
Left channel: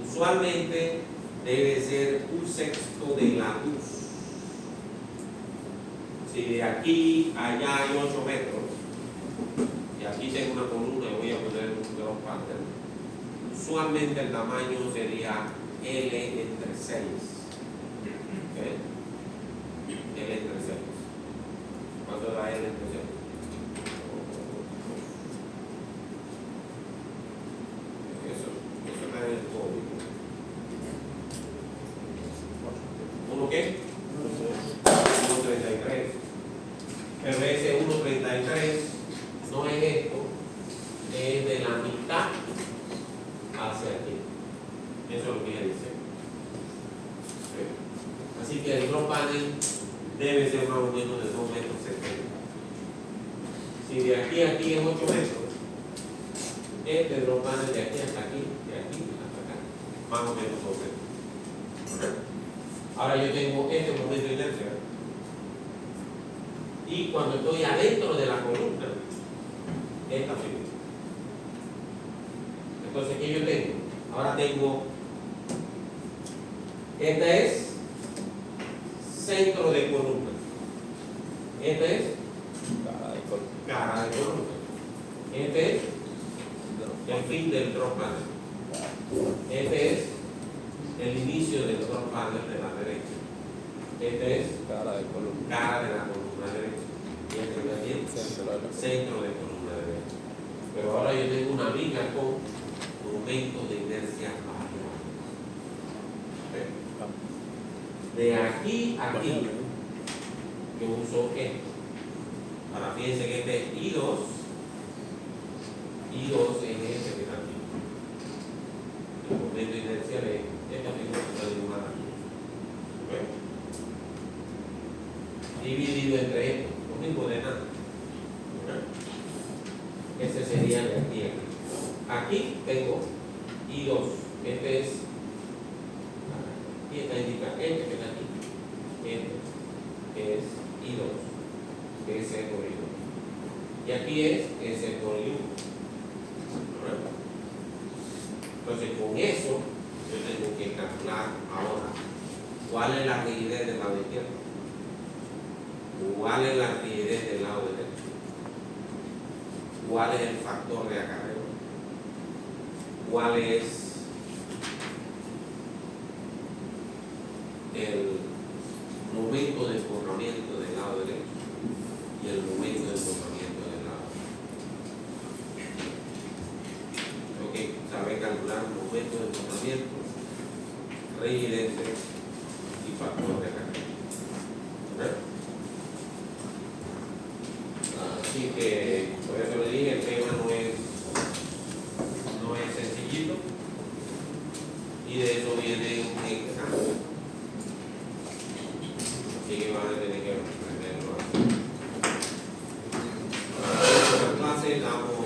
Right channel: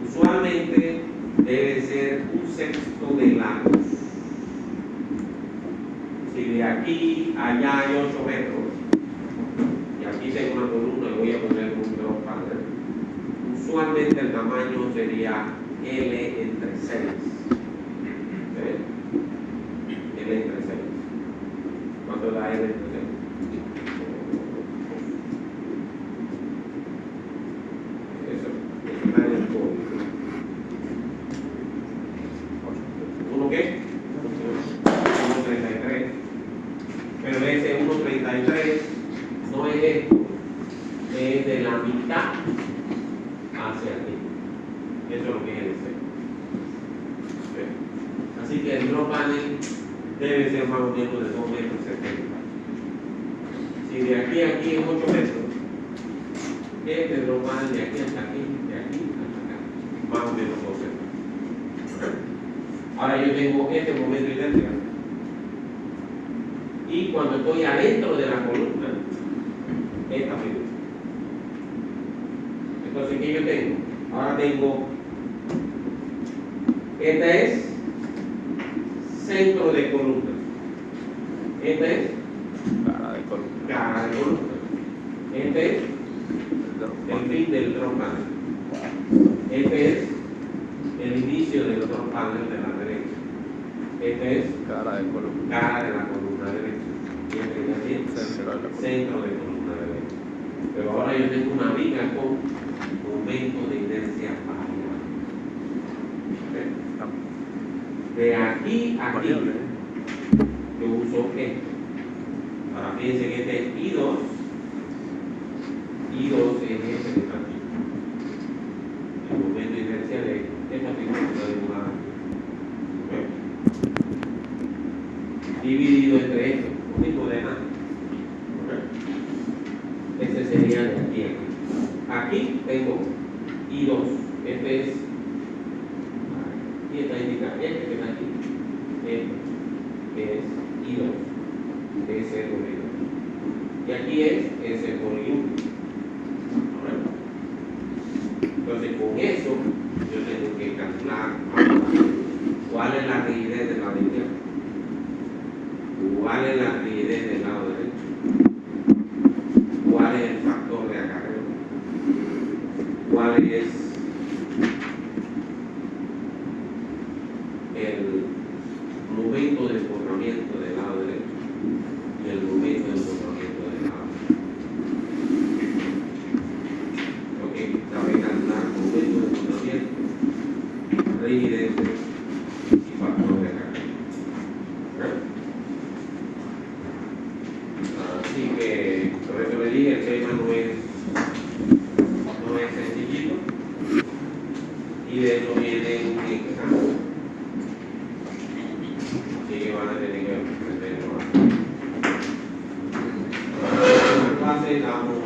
Usualmente debe ser 1/6 de la luz. Si de aquí a allá hay 8 metros, y aquí tengo una columna y voy a poner un drop panel, usualmente el tamaño sería L entre 6. ¿Okay? L entre 6. ¿Cuánto es la L entre 6? Eso está en el código. ¿Uno qué? 1.33. Pero ese 1.33 no es esto, es de la mitad hacia aquí. Eso es lo que es el centro. ¿Okay? Así que el drop panel debe ser más o menos de 2,70 metros. Si de aquí a aquí es 8 metros, este drop panel de aquí hasta aquí, de aquí hasta acá, más o menos 2 metros. ¿Okay? Ahora yo tengo este momento de inercia. Y cuando estoy adentro de la columna, esta figura. Entonces, ¿qué yo tengo? Ahora tengo, este es centro de columna. Este es cara de columna. Este es el fin del drop panel. Este es el inicio del drop panel de la derecha. Este es cara de la columna derecha. Y este es el centro de columna derecha. Pero ahora yo tengo una viga con momento de inercia variable. ¿Okay? De aquí a aquí, yo uso esto. Ahora fíjense que este es I2. I2 es este que está aquí. El momento de inercia de esta figura que está dibujada. ¿Okay? Dividido entre esto, lo mismo de nada. ¿Okay? Ese sería de aquí a aquí. Aquí tengo I2. Este es, aquí está indicado, este que está aquí. Este que es I2. S por I2. Y aquí es S por I1. Entonces, con eso, yo tengo que calcular cuál es la rigidez del lado izquierdo, cuál es la rigidez del lado derecho, cuál es el factor de acarreo, cuál es el momento de empujamiento del lado derecho y el momento de empujamiento del lado derecho. Ok, sabe calcular momento de empujamiento, rigidez y factor de acarreo. Así que, por eso le dije, el tema no es sencillito, y de eso viene un examen. Así que van a tener que aprenderlo más. tengamos